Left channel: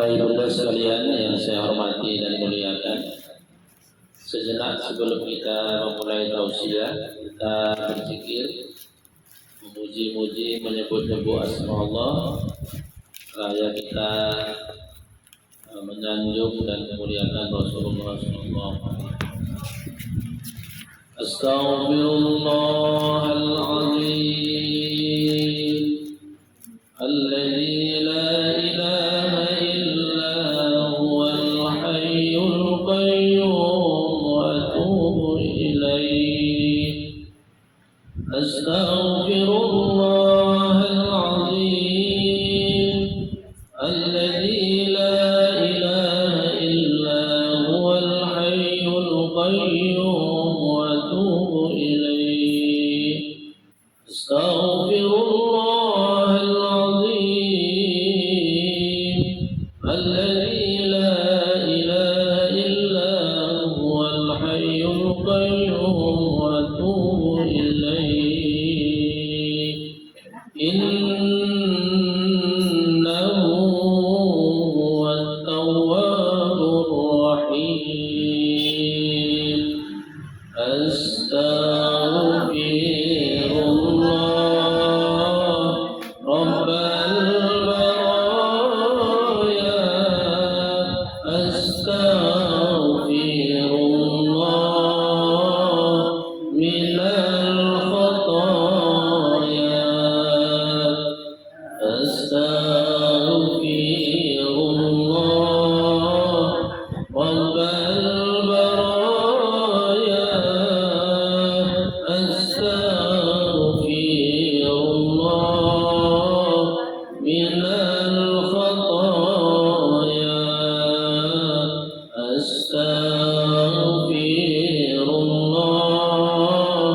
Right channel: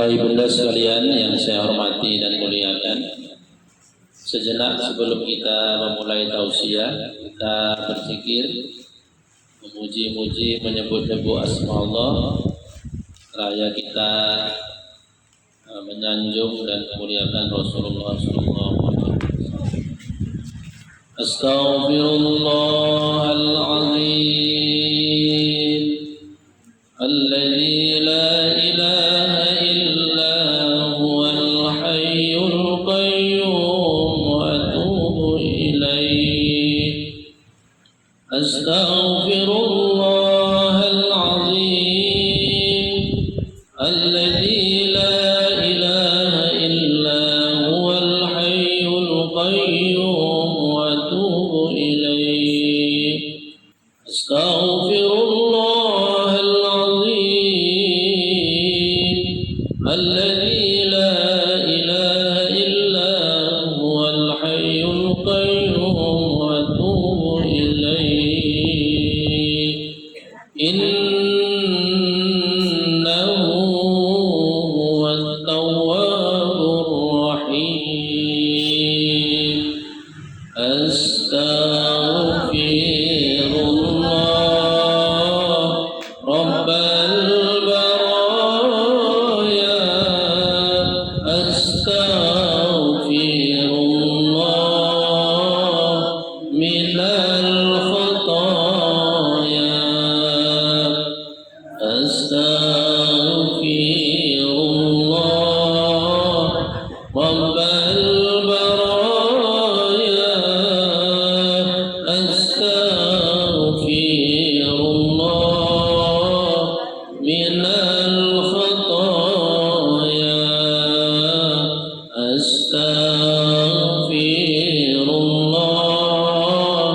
Ibunda sekalian yang saya hormati dan muliakan, sejenak sebelum kita memulai tausiah, kita berzikir, memuji-muji, menyebut-nyebut asma Allah, raya kita menyanjung dan memuliakan Rasulullah SAW. Astaghfirullahaladzim, alladzi la ilaha illa huwal hayyul qayyum wa atubu ilaih. Astaghfirullahaladzim, alladzi la ilaha illa huwal hayyul qayyum wa atubu ilaih. Astaghfirullahaladzim, alladzi la ilaha illa huwal hayyul qayyum wa atubu ilaih. Innahu huwat tawwabur rahim. Astaghfirullah rabbal baraya. Astaghfirullah minal khataya. Astaghfirullah rabbal baraya. Astaghfirullah minal khataya. Astaghfirullah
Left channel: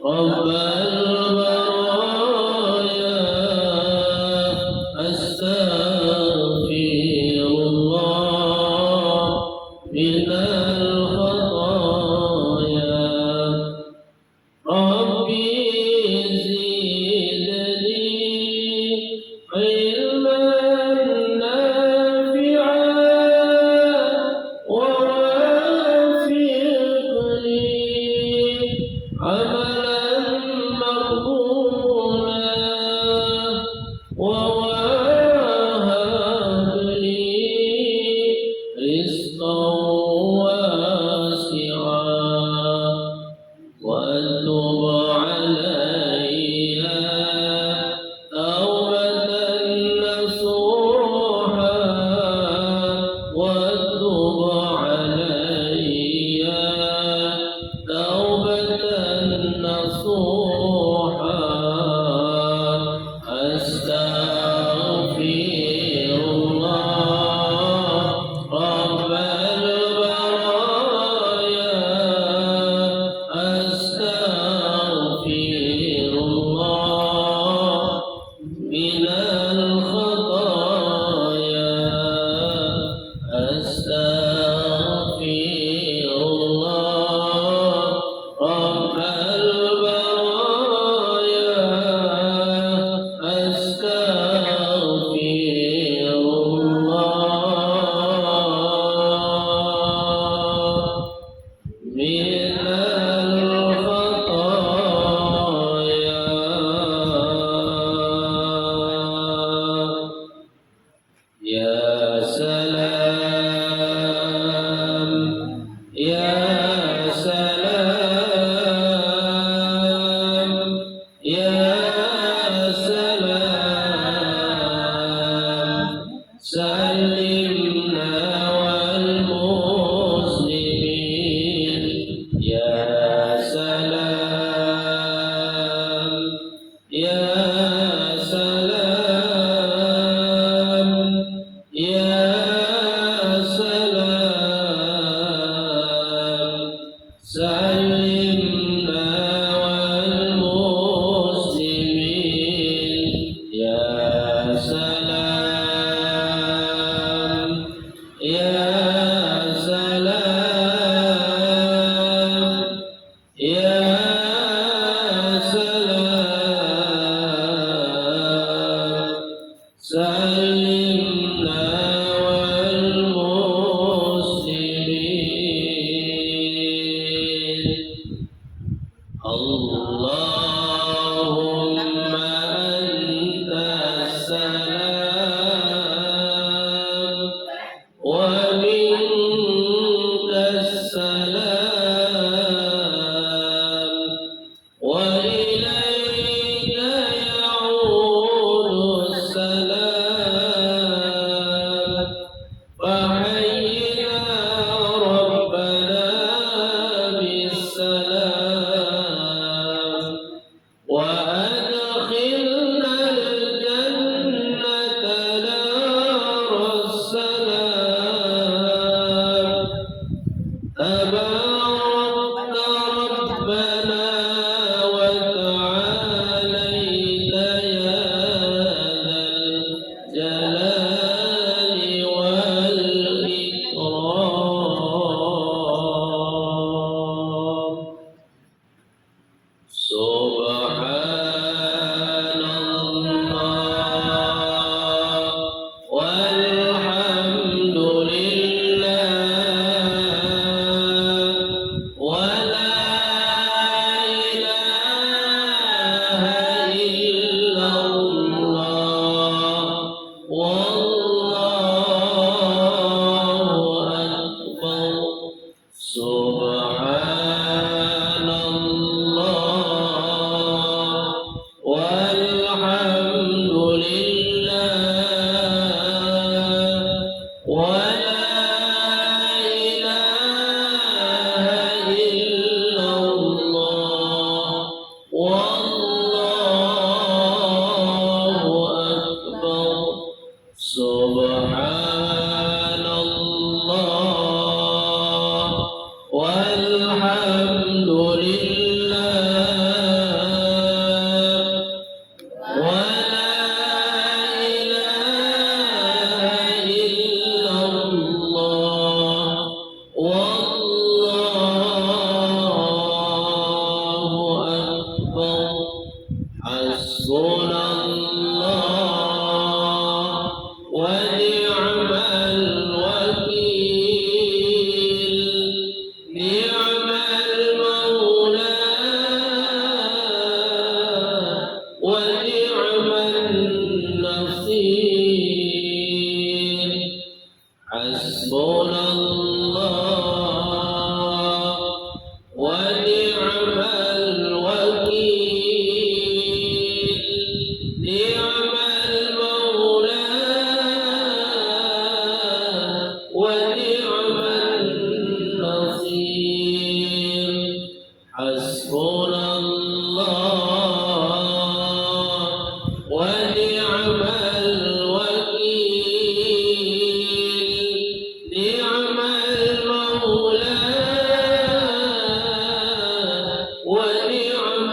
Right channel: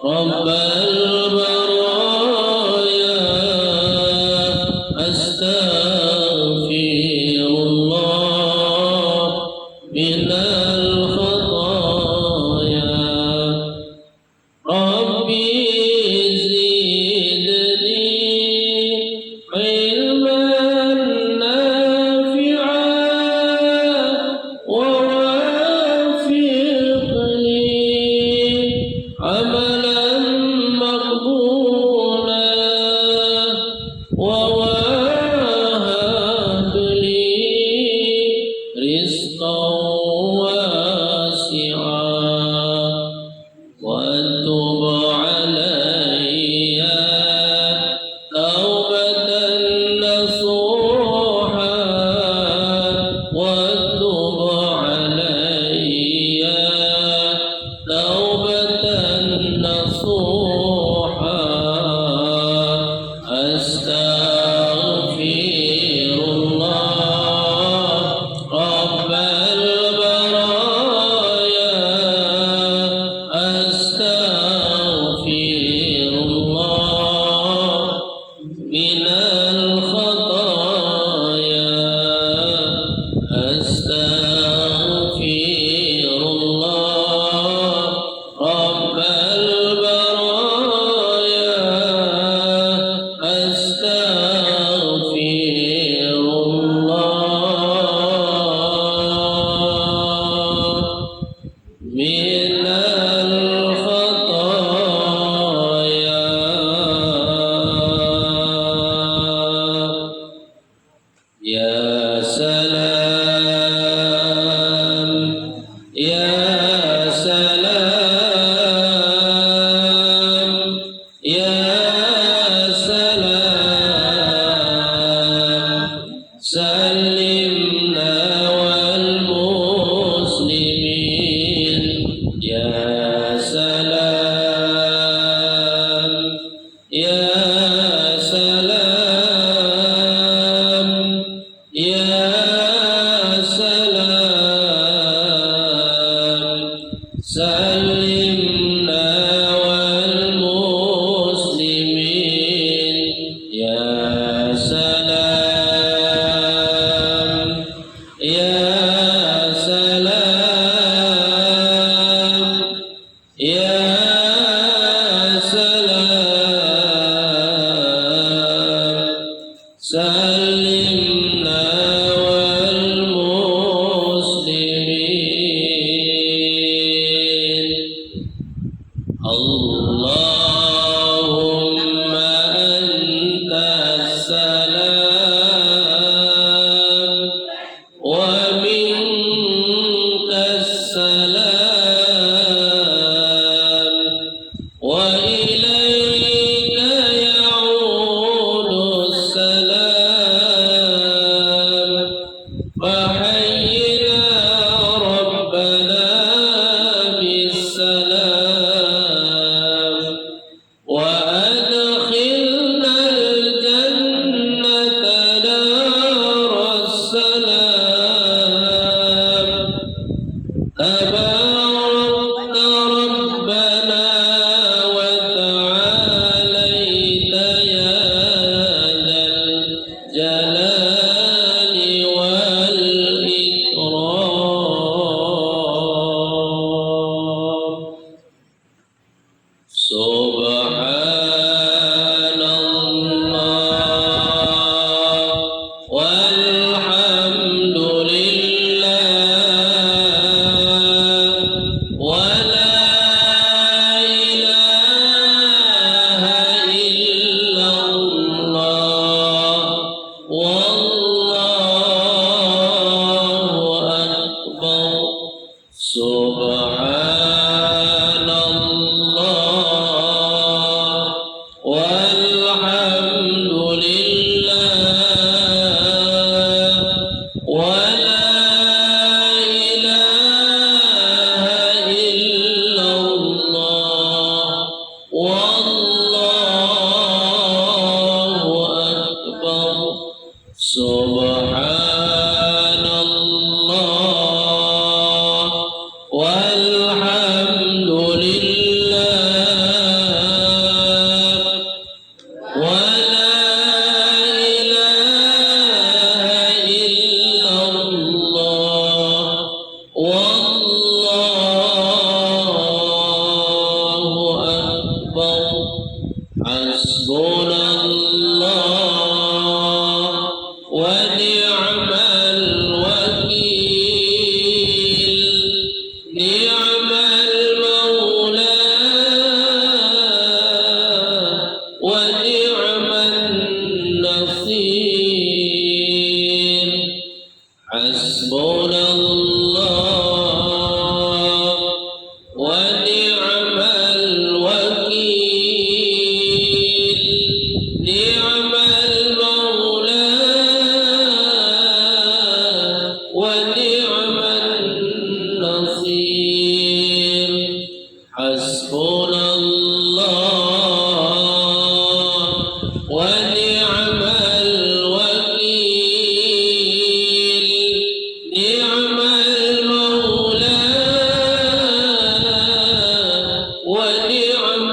rabbal baraya. Astaghfirullah minal khataya. Rabbi zidni ilman nafi'an wa wafiqni amalan maqbulan wa wahab li rizqan wasi'an wa tub alayya taubatan nasuha. Wa tub alayya taubatan nasuha. Astaghfirullah rabbal baraya. Astaghfirullah minal khataya. Astaghfirullah rabbal baraya. Astaghfirullah minal khataya. Ya salam, ya salam, ya salam. Salimna wal muslimin. Ya salam, ya salam, ya salam. Salimna wal muslimin. Ya salam, ya salam, ya salam. حسبنا الله ونعم الوكيل نعم المولى ونعم النصير حسبنا الله ونعم الوكيل نعم المولى ونعم النصير حسبنا الله ونعم الوكيل نعم المولى ونعم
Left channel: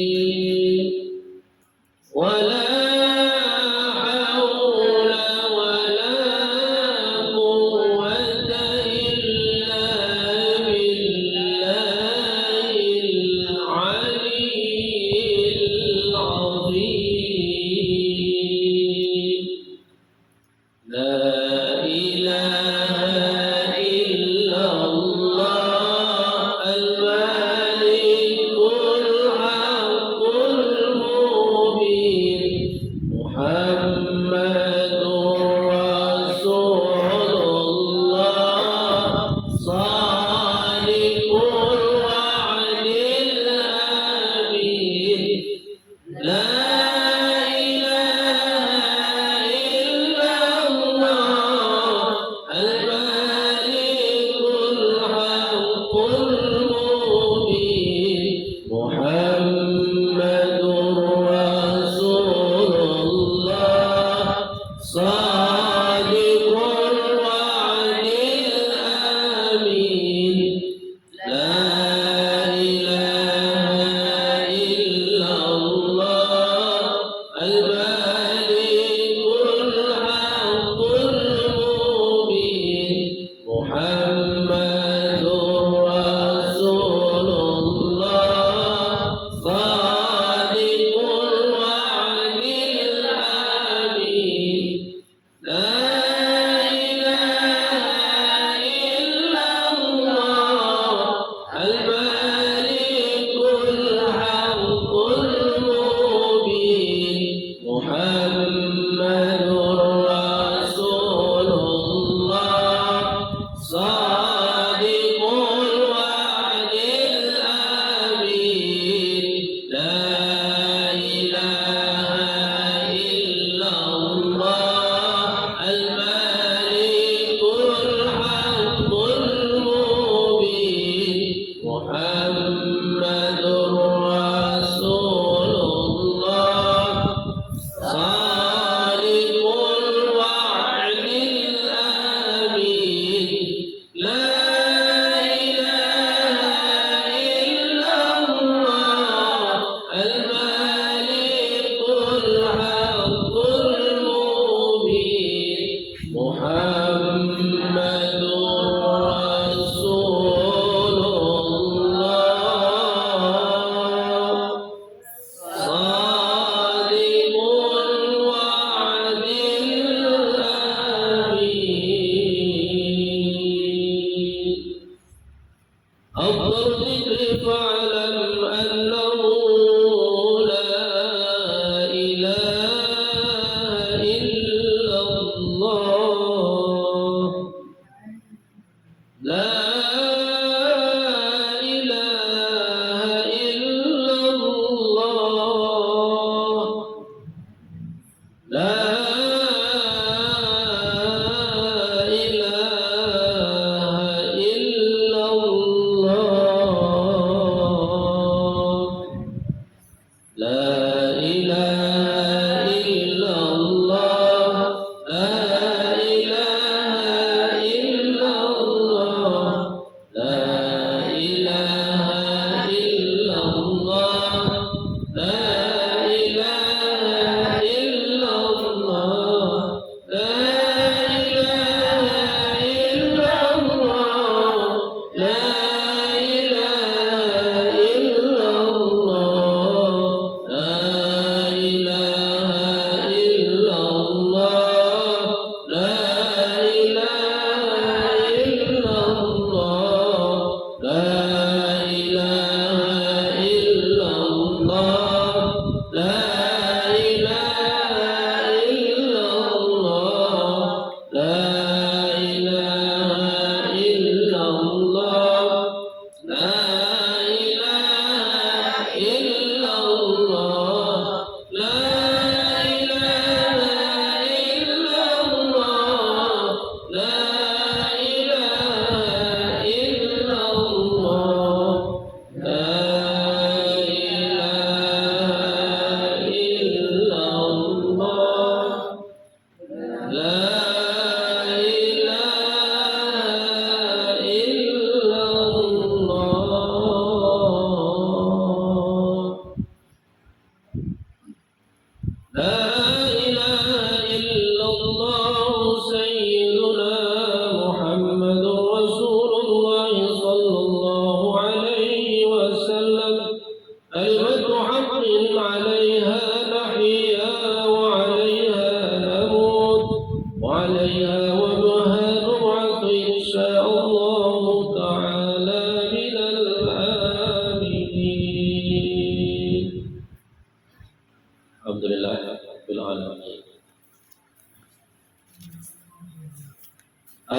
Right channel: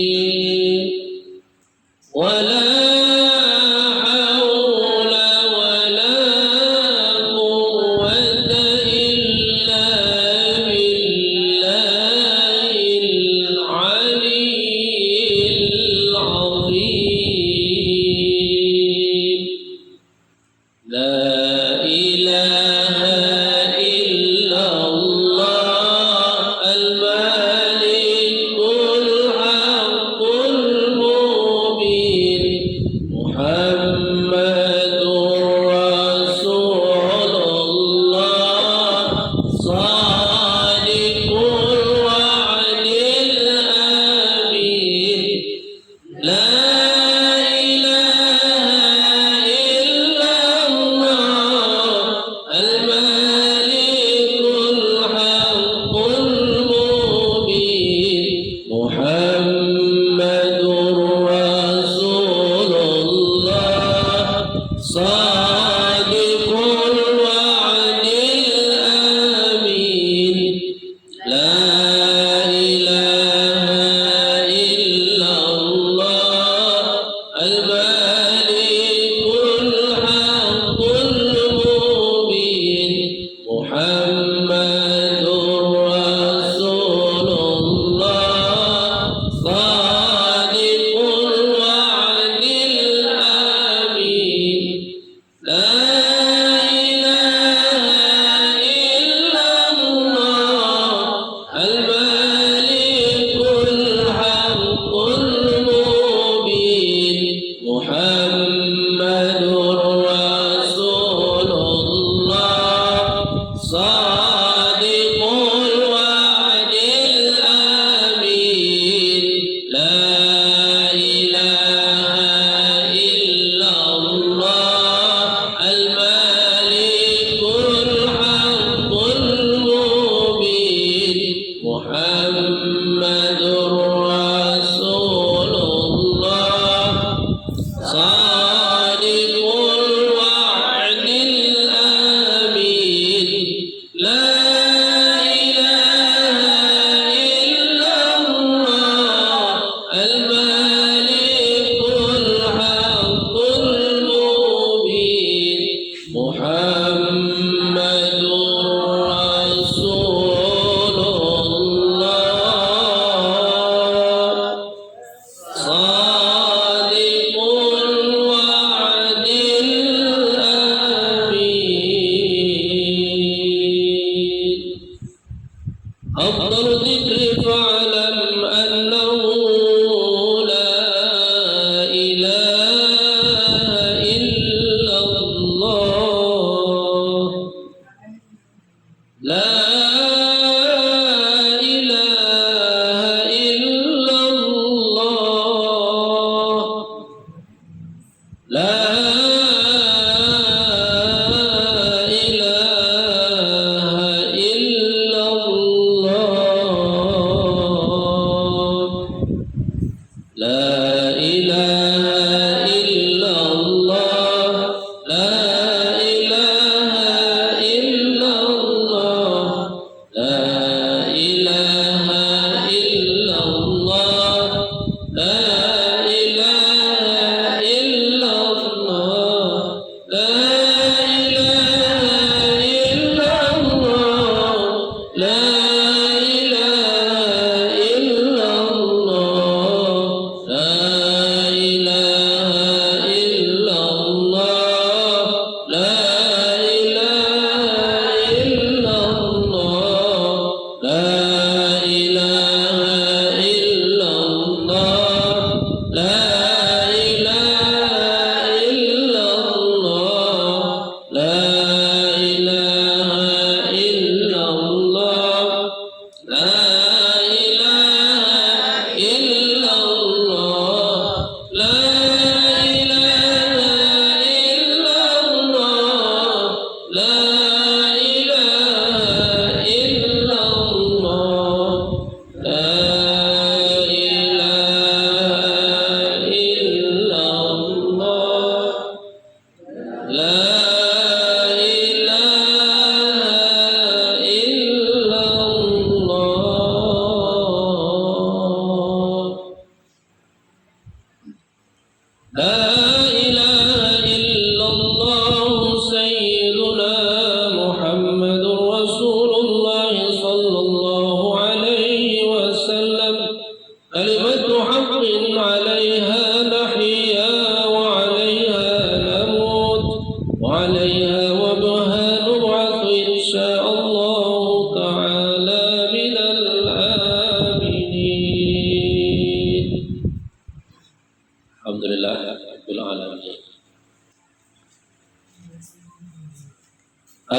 النصير ولا حول ولا قوة إلا بالله العلي العظيم لا إله إلا الله الملك الحق المبين محمد رسول الله صادق الوعد الأمين لا إله إلا الله الملك الحق المبين محمد رسول الله صادق الوعد الأمين لا إله إلا الله الملك الحق المبين محمد رسول الله صادق الوعد الأمين لا إله إلا الله الملك الحق المبين محمد رسول الله صادق الوعد الأمين لا إله إلا الله الملك الحق المبين محمد رسول الله صادق الوعد الأمين لا إله إلا الله الملك الحق المبين محمد رسول الله صادق الوعد الأمين أفضل الذكر فاعلم أنه لا إله إلا الله لا إله إلا الله لا إله إلا الله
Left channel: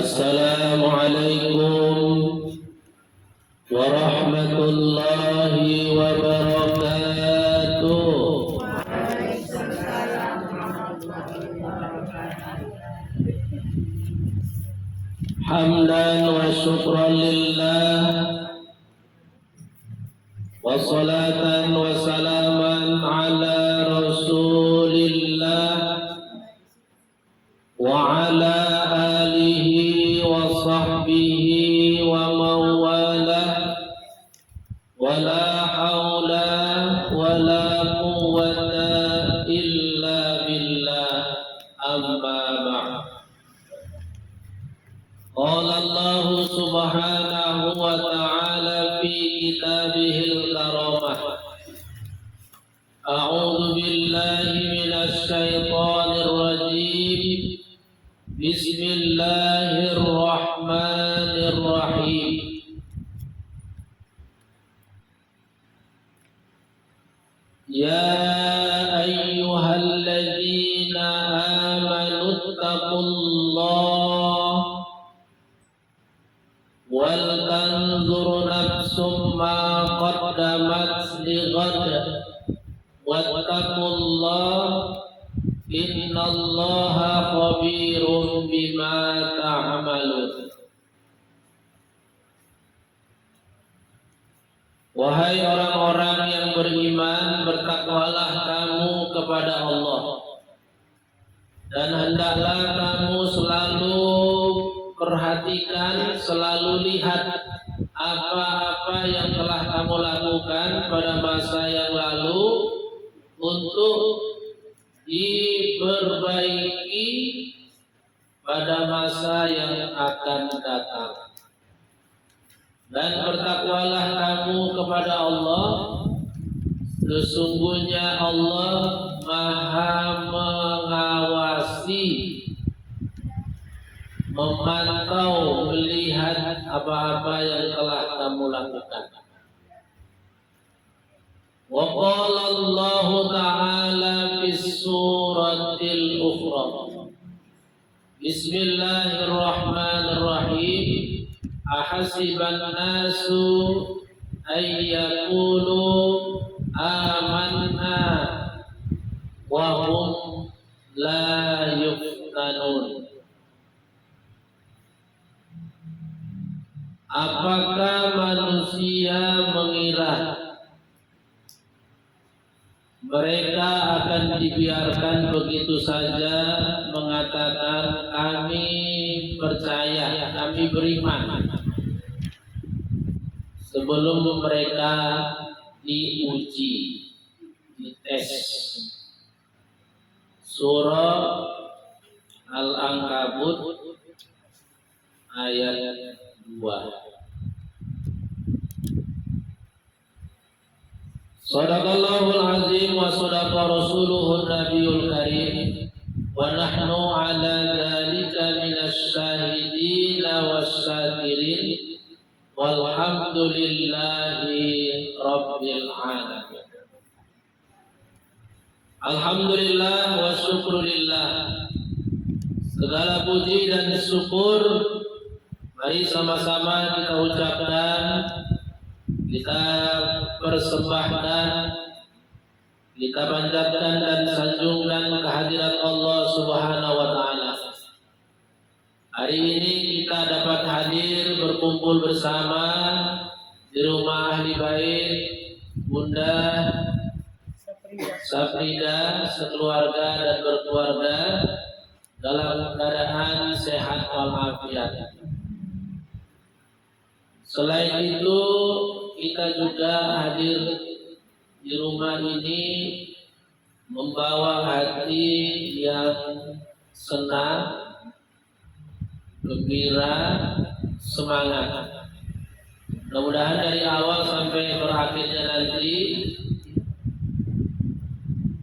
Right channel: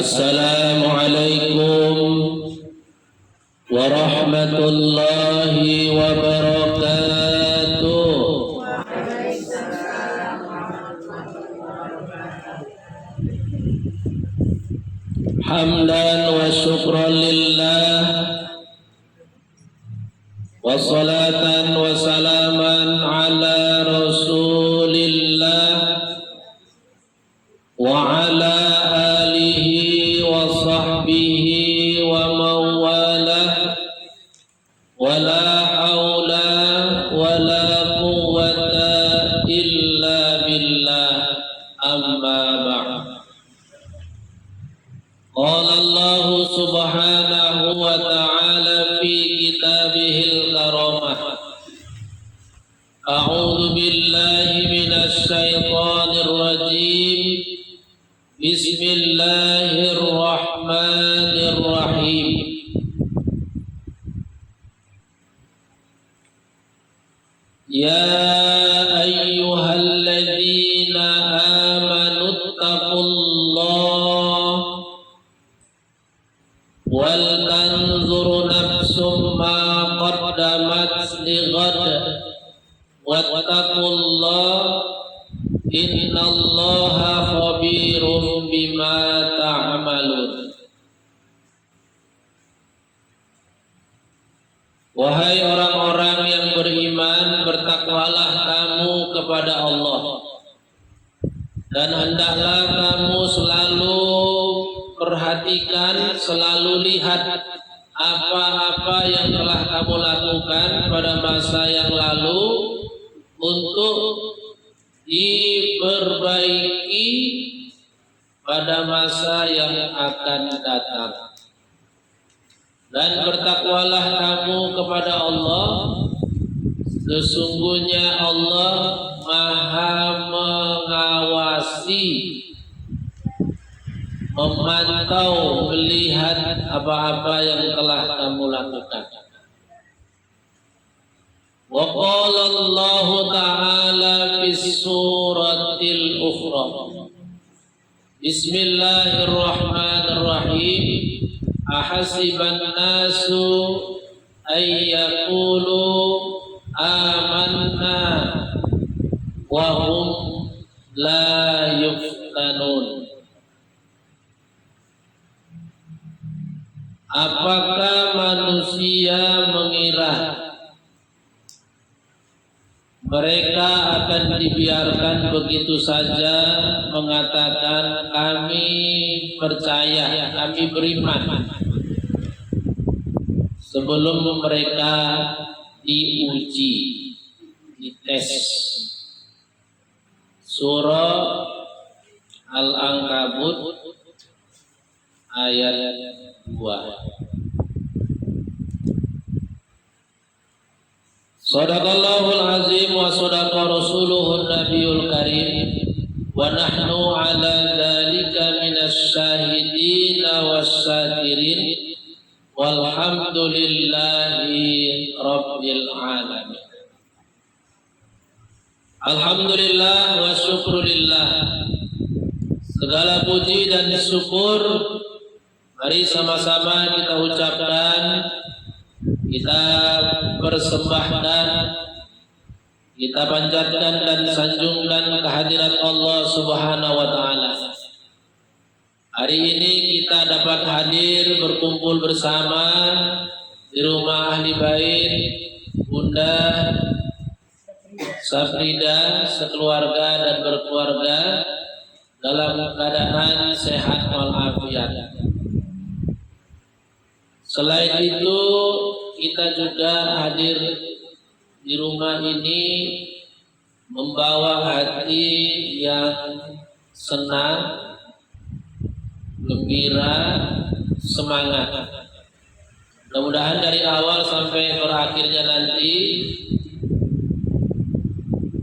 Assalamualaikum warahmatullahi wabarakatuh. Hamdan wa syukran lillah, wa salatan wa salaman ala rasulillah wa ala alihi wa sahbihi wa mawalah, wa la hawla wa la quwwata illa billah, amma ba'd. Qala Allah subhanahu wa ta'ala fi kitabihil karamah. A'udzu billahi minasy syaithanir rajim. Bismillahirrahmanirrahim. Ya ayyuhalladzina amanu taqullaha wal tanzur nafsum ma qaddamat lighad wattaqullaha innallaha khabirum bima ta'malun. Wahai orang-orang yang beriman, bertakwalah kamu kepada Allah, dan hendaklah kamu selalu perhatikan, selalu lihat apa-apa yang telah kamu lakukan pada masa yang lalu untuk diperbaiki pada masa yang akan datang. Dan bertakwalah kamu kepada Allah, sesungguhnya Allah Maha mengawasi, memantau, melihat apa-apa yang telah kamu lakukan. Wa qala Allah ta'ala fi suratil ukhra. Bismillahirrahmanirrahim. Ahasiban nasu ay yaqulu amanna wa hum la yuftanun. Apakah manusia mengira mereka akan dibiarkan begitu saja mengatakan kami percaya, kami beriman, sebelum mereka diuji, dites? Surah Al-Ankabut ayat 2. Sadaqallahul azim wa sadaqa rasuluhun nabiyul karim wa nahnu ala dzalika minasy syahidin wasyakirin walhamdulillahi rabbil alamin. Alhamdulillah wa syukrulillah. Segala puji dan syukur mari sama-sama kita ucapkan, kita persembahkan, kita panjatkan dan sanjungkan kehadirat Allah Subhanahu wa taala. Hari ini kita dapat hadir berkumpul bersama di rumah ahli bait Bunda Safrida sekeluarga dan berkeluarga dalam keadaan sehat walafiat. Selain itu, kita juga hadir di rumah ini membawa hati yang senang, gembira, semangat. Mudah-mudahan dari awal sampai berakhirnya nanti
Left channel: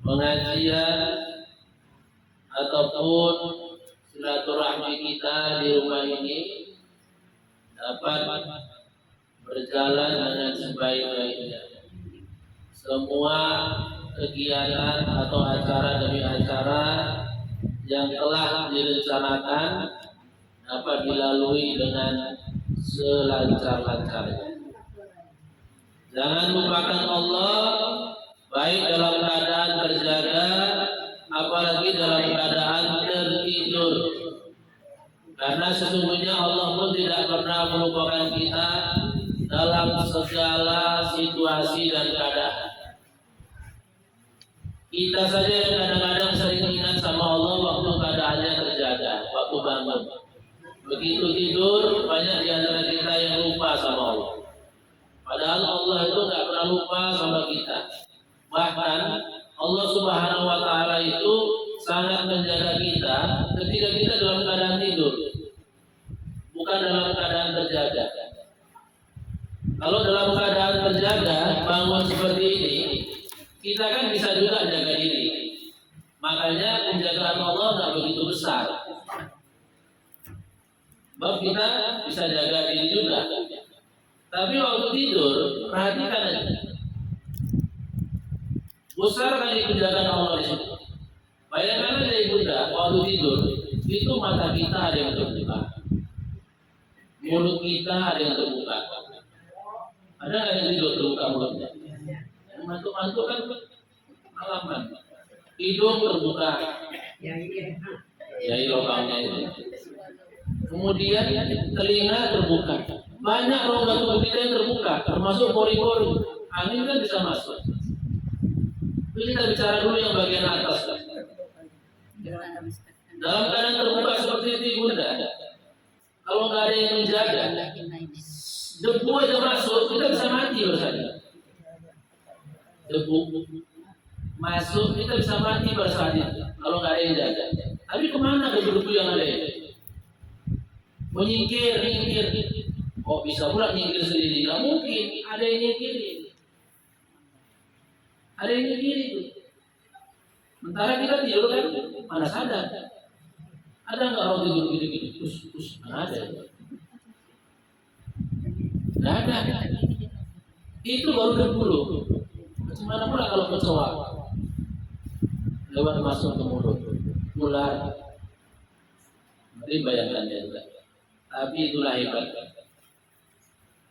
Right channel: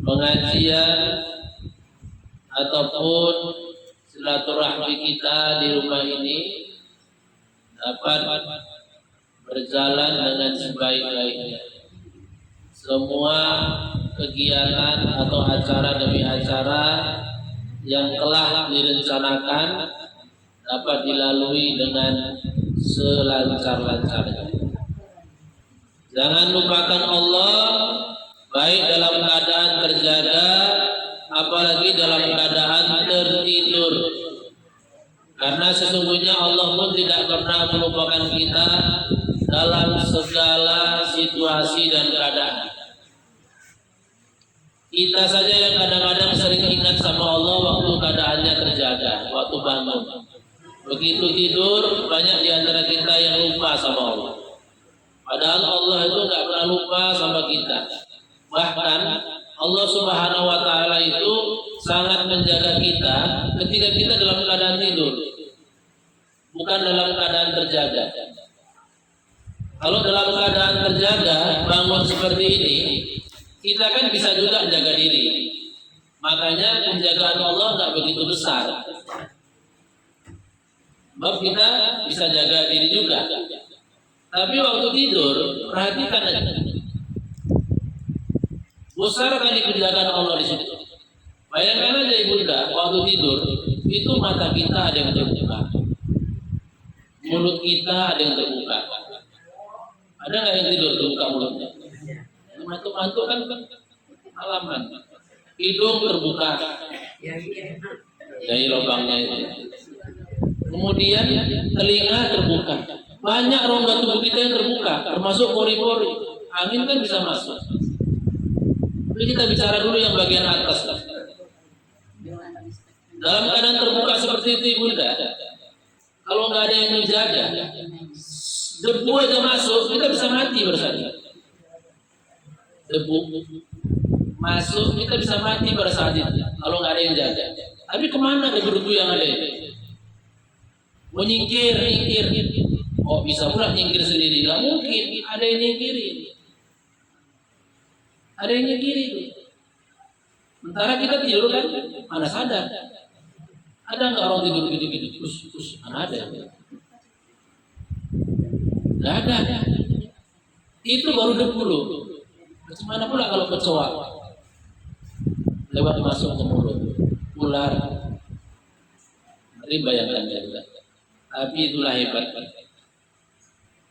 pengajian ataupun silaturahmi kita di rumah ini dapat berjalan dengan sebaik-baiknya. Semua kegiatan atau acara demi acara yang telah direncanakan dapat dilalui dengan selancar-lancarnya. Jangan lupakan Allah baik dalam keadaan terjaga, apalagi dalam keadaan tertidur. Karena sesungguhnya Allah pun tidak pernah melupakan kita dalam segala situasi dan keadaan. Kita saja yang kadang-kadang sering ingat sama Allah waktu keadaannya terjaga, waktu bangun. Begitu tidur, banyak di antara kita yang lupa sama Allah. Padahal Allah itu tidak pernah lupa sama kita. Bahkan Allah Subhanahu wa Ta'ala itu sangat menjaga kita ketika kita dalam keadaan tidur, bukan dalam keadaan terjaga. Kalau dalam keadaan terjaga, bangun seperti ini, kita kan bisa juga menjaga diri. Makanya penjagaan Allah tidak begitu besar. Sebab kita bisa jaga diri juga. Tapi waktu tidur, perhatikan aja. Besar kali penjagaan Allah di situ. Bayangkan aja ibunda, waktu tidur, itu mata kita ada yang terbuka. Mulut kita ada yang terbuka. Ada nggak yang tidur terbuka mulutnya? Mantuk-mantuk kan halaman. Hidung terbuka. Dari lubangnya itu. Kemudian telinga terbuka. Banyak rongga tubuh kita yang terbuka, termasuk pori-pori. Angin kan bisa masuk. Tapi kita bicara dulu yang bagian atas. Dalam keadaan terbuka seperti itu ibunda, kalau nggak ada yang menjaga, debu aja masuk, kita bisa mati bersama. Debu masuk, kita bisa mati pada saat itu kalau nggak ada yang jaga. Tapi kemana debu-debu yang ada ini? Menyingkir. Oh, bisa pula nyingkir sendiri? Nggak mungkin, ada yang nyingkiri. Ada yang nyingkiri itu. Sementara kita tidur kan, mana sadar? Ada nggak orang tidur gitu-gitu? Kus, mana ada? Nggak ada. Itu baru debu loh. Bagaimana pula kalau kecoa lewat masuk ke mulut, ular? Mari bayangkan ya. Tapi itulah hebat.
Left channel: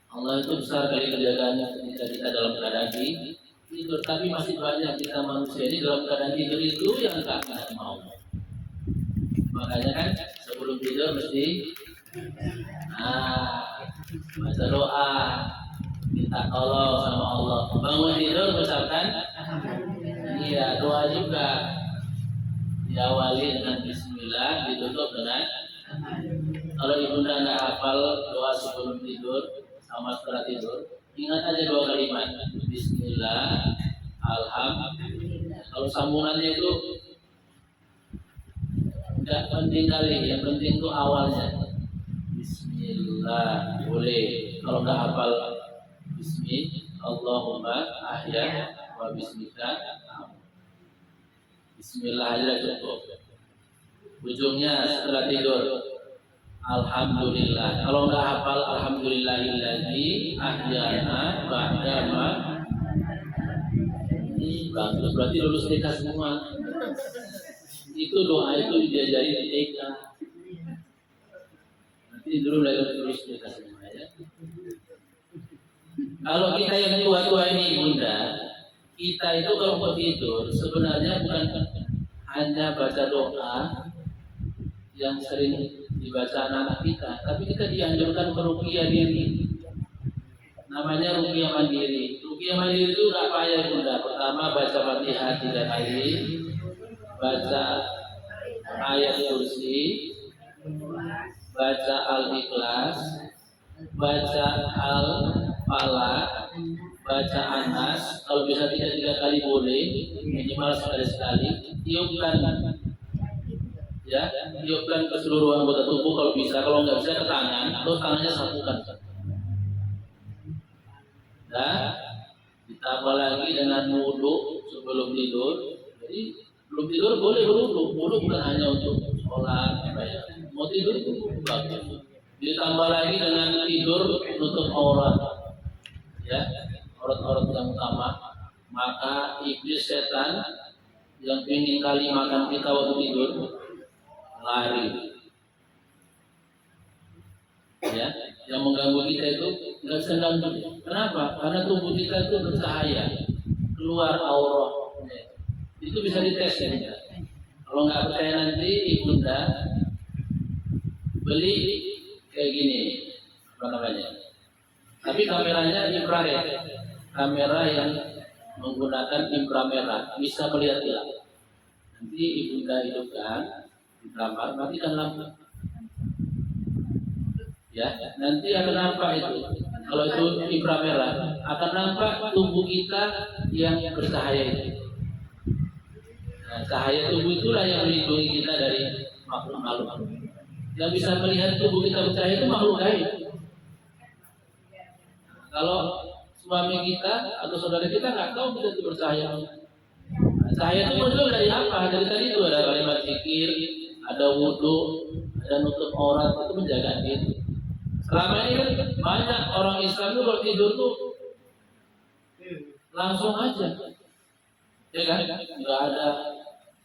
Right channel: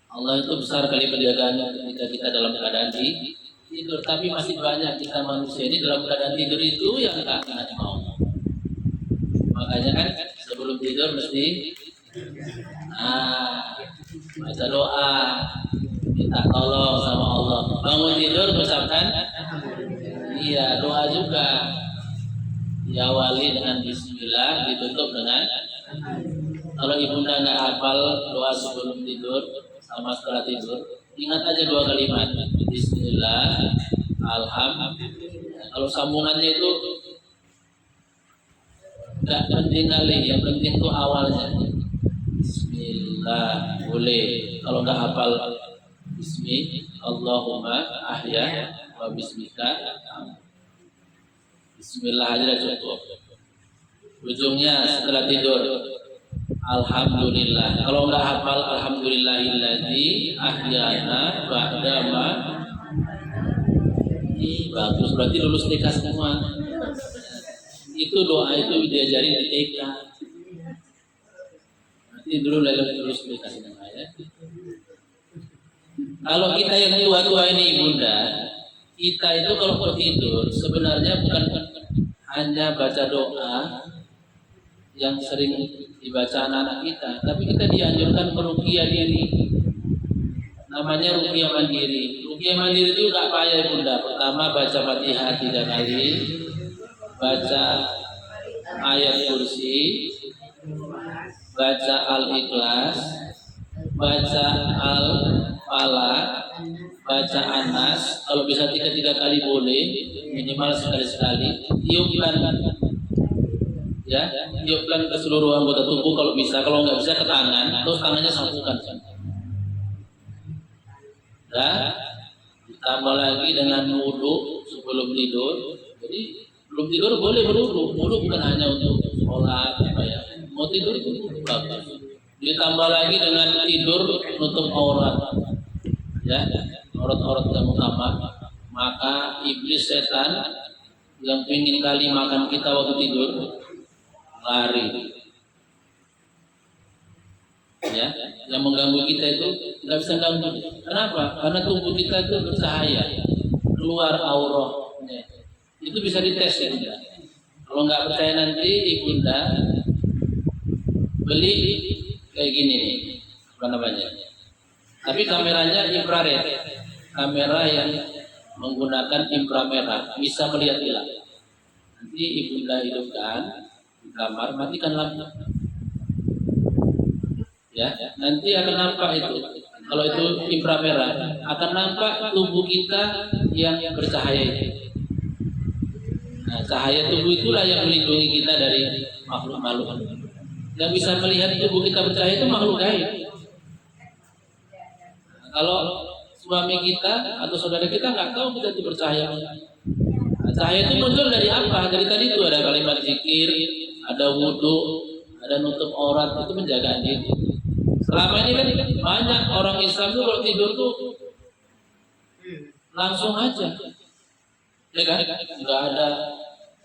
Allah itu besar kali penjagaannya ketika kita dalam keadaan tidur. Tapi masih banyak kita manusia ini dalam keadaan tidur itu yang nggak mau. Makanya kan sebelum tidur mesti baca doa, minta tolong sama Allah. Bangun tidur berucapkan iya, doa juga diawali dengan bismillah, ditutup dengan kalau ibunda nggak hafal doa sebelum tidur sama setelah tidur, ingat aja dua kalimat bismillah, alhamdulillah. Kalau sambungannya itu nggak penting kali, yang penting itu awalnya bismillah boleh. Kalau nggak hafal Allahumma ahya wa bismika bismillah aja cukup. Ujungnya setelah tidur alhamdulillah. Kalau nggak hafal alhamdulillahilladzi ahyana ba'da ma. Bagus, berarti lulus TK semua. Itu doa itu diajari di TK. Nanti dulu lulus TK semua ya. Kalau kita yang tua-tua ini ibunda, kita itu kalau mau tidur sebenarnya bukan hanya baca doa yang sering dibaca anak-anak kita, tapi kita dianjurkan meruqyah diri. Namanya ruqyah mandiri. Ruqyah mandiri itu nggak payah bunda. Pertama baca Fatihah 3 kali, baca ayat kursi, baca Al-Ikhlas, baca Al-Falaq, baca Anas. Kalau bisa 3 kali boleh, minimal sekali-sekali. Tiupkan ke seluruh anggota tubuh kalau bisa. Kalau nggak bisa ke tangan, terus tangannya satukan. Ditambah lagi dengan wudu sebelum tidur. Jadi belum tidur boleh berwudu. Wudu bukan hanya untuk sholat, mau tidur itu bagus. Ditambah lagi dengan tidur menutup aurat, aurat yang utama. Maka iblis setan yang ingin kali makan kita waktu tidur lari. ya, yang mengganggu kita itu nggak bisa ganggu. Kenapa? Karena tubuh kita itu bercahaya, keluar auranya. Itu bisa dites ya tidak? Kalau nggak percaya nanti ibunda beli kayak gini nih, apa namanya? Tapi kameranya infrared, kamera yang menggunakan inframerah, bisa melihat hilang. Nanti ibunda hidupkan di kamar, matikan lampu. Ya, nanti akan nampak itu. Kalau itu inframerah, akan nampak tubuh kita yang bercahaya itu. Nah, cahaya tubuh itulah yang melindungi kita dari makhluk-makhluk. Yang bisa melihat tubuh kita bercahaya itu makhluk gaib. Nah, kalau suami kita atau saudara kita nggak tahu kita itu bercahaya. Nah, cahaya itu muncul dari apa? Dari tadi itu ada kalimat zikir, ada wudhu, ada nutup aurat, itu menjaga diri. Selama ini kan banyak orang Islam itu kalau tidur tuh langsung aja, ya kan? Nggak ada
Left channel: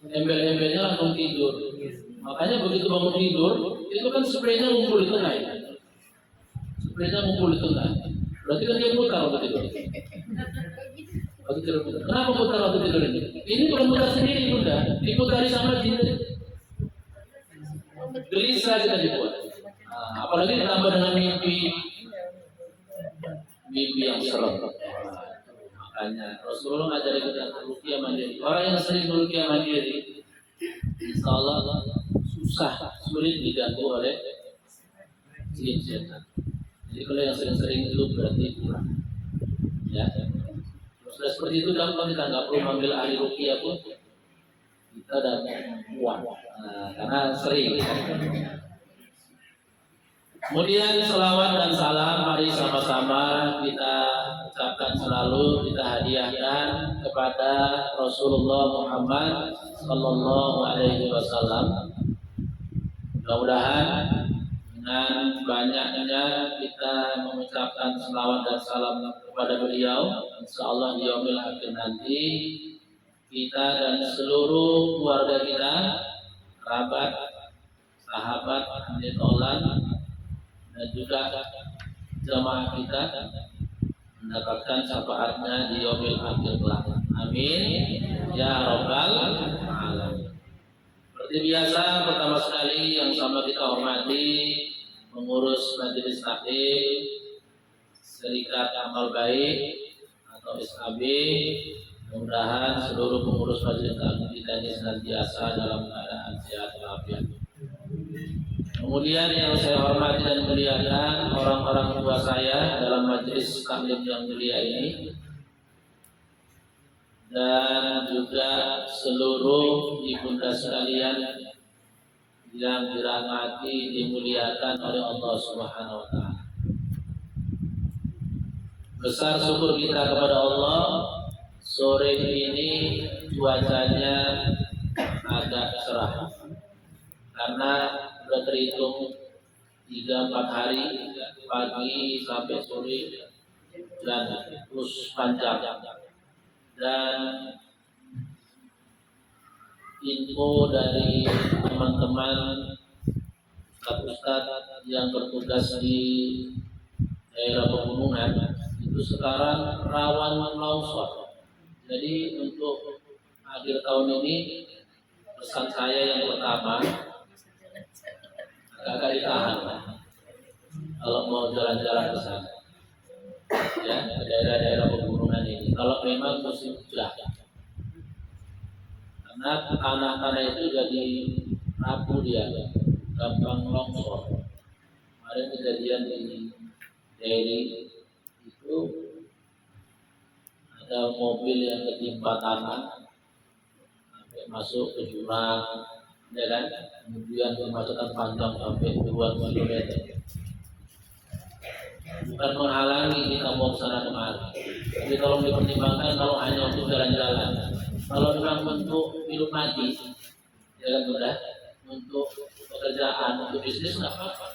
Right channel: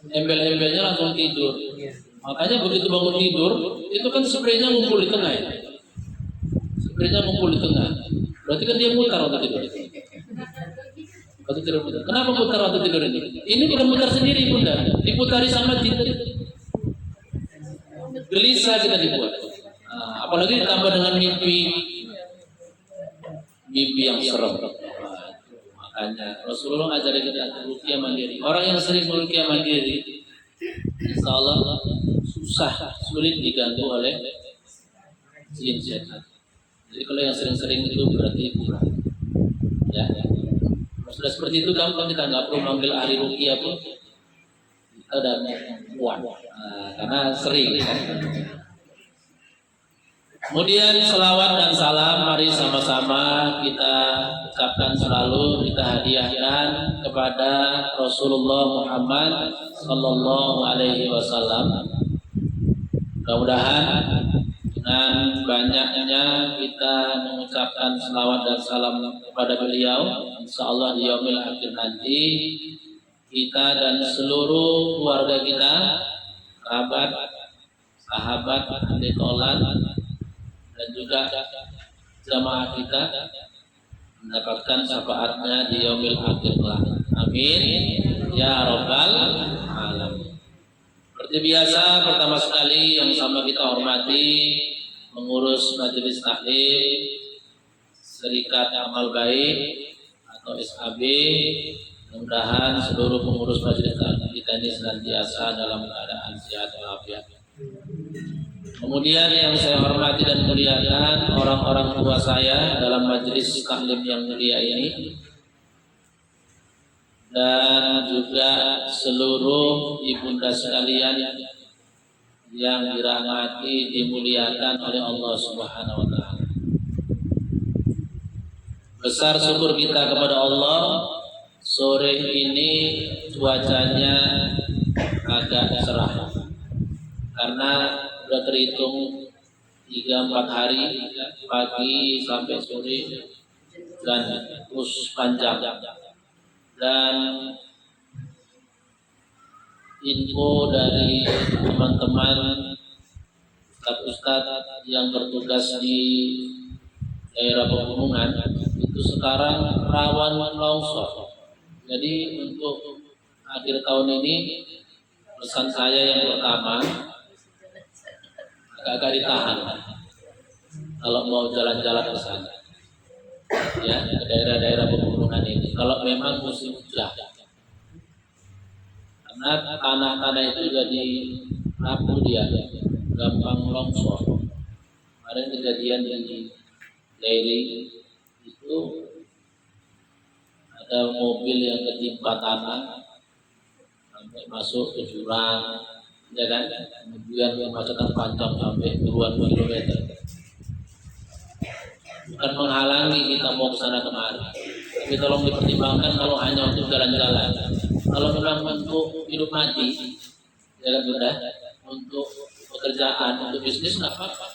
embel-embelnya, langsung tidur. Makanya begitu bangun tidur, itu kan spraynya ngumpul di tengah ya. Spraynya ngumpul di tengah. Berarti kan dia mutar waktu tidur. Waktu tidur mutar. Kenapa mutar waktu tidur ini? Ini bukan mutar sendiri bunda, diputari sama jin. Gelisah kita dibuat. Nah, apalagi ditambah dengan mimpi yang serem. Makanya Rasulullah ngajarin kita ruqyah mandiri. Orang yang sering ruqyah mandiri, insya Allah sulit diganggu oleh jin setan. Jadi kalau yang sering-sering itu berarti kurang. Ya. Sudah seperti itu gampang, kita nggak perlu manggil ahli ruqyah pun kita udah kuat. Karena sering. Kemudian selawat dan salam mari sama-sama kita ucapkan selalu, kita hadiahkan kepada Rasulullah Muhammad Sallallahu Alaihi Wasallam. Mudah-mudahan dengan banyaknya kita mengucapkan selawat dan salam kepada beliau, insya Allah di yaumil akhir nanti kita dan seluruh keluarga kita, kerabat, sahabat, ahli taulat, dan juga jamaah kita mendapatkan syafaatnya di yaumil akhir kelak. Amin ya rabbal alamin. Seperti biasa, pertama sekali yang sama kita hormati pengurus majelis taklim Serikat Amal Baik atau SAB. Mudah-mudahan seluruh pengurus majelis taklim kita ini senantiasa dalam keadaan sehat walafiat. Kemudian yang saya hormati dan muliakan orang-orang tua saya dalam majelis taklim yang mulia ini, dan juga seluruh ibunda sekalian yang dirahmati, dimuliakan oleh Allah Subhanahu wa taala. Besar syukur kita kepada Allah, sore ini cuacanya agak cerah karena sudah terhitung 3-4 hari pagi sampai sore dan terus panjang. Dan info dari teman-teman ustadz yang bertugas di daerah pegunungan itu sekarang rawan longsor. Jadi untuk akhir tahun ini pesan saya yang pertama, agak ditahan kalau mau jalan-jalan ke sana, ya, ke daerah-daerah pegunungan ini. Kalau memang musim hujan, karena tanah-tanah itu jadi rapuh, dia gampang longsor. Kemarin kejadian di Derry itu ada mobil yang ketimpa tanah sampai masuk ke jurang, ya kan? Kemudian kemacetan panjang sampai 2 km. Bukan menghalangi kita mau ke sana kemari, tapi tolong dipertimbangkan kalau hanya untuk jalan-jalan. Kalau memang untuk hidup mati, ya kan sudah, untuk pekerjaan, untuk bisnis nggak apa-apa.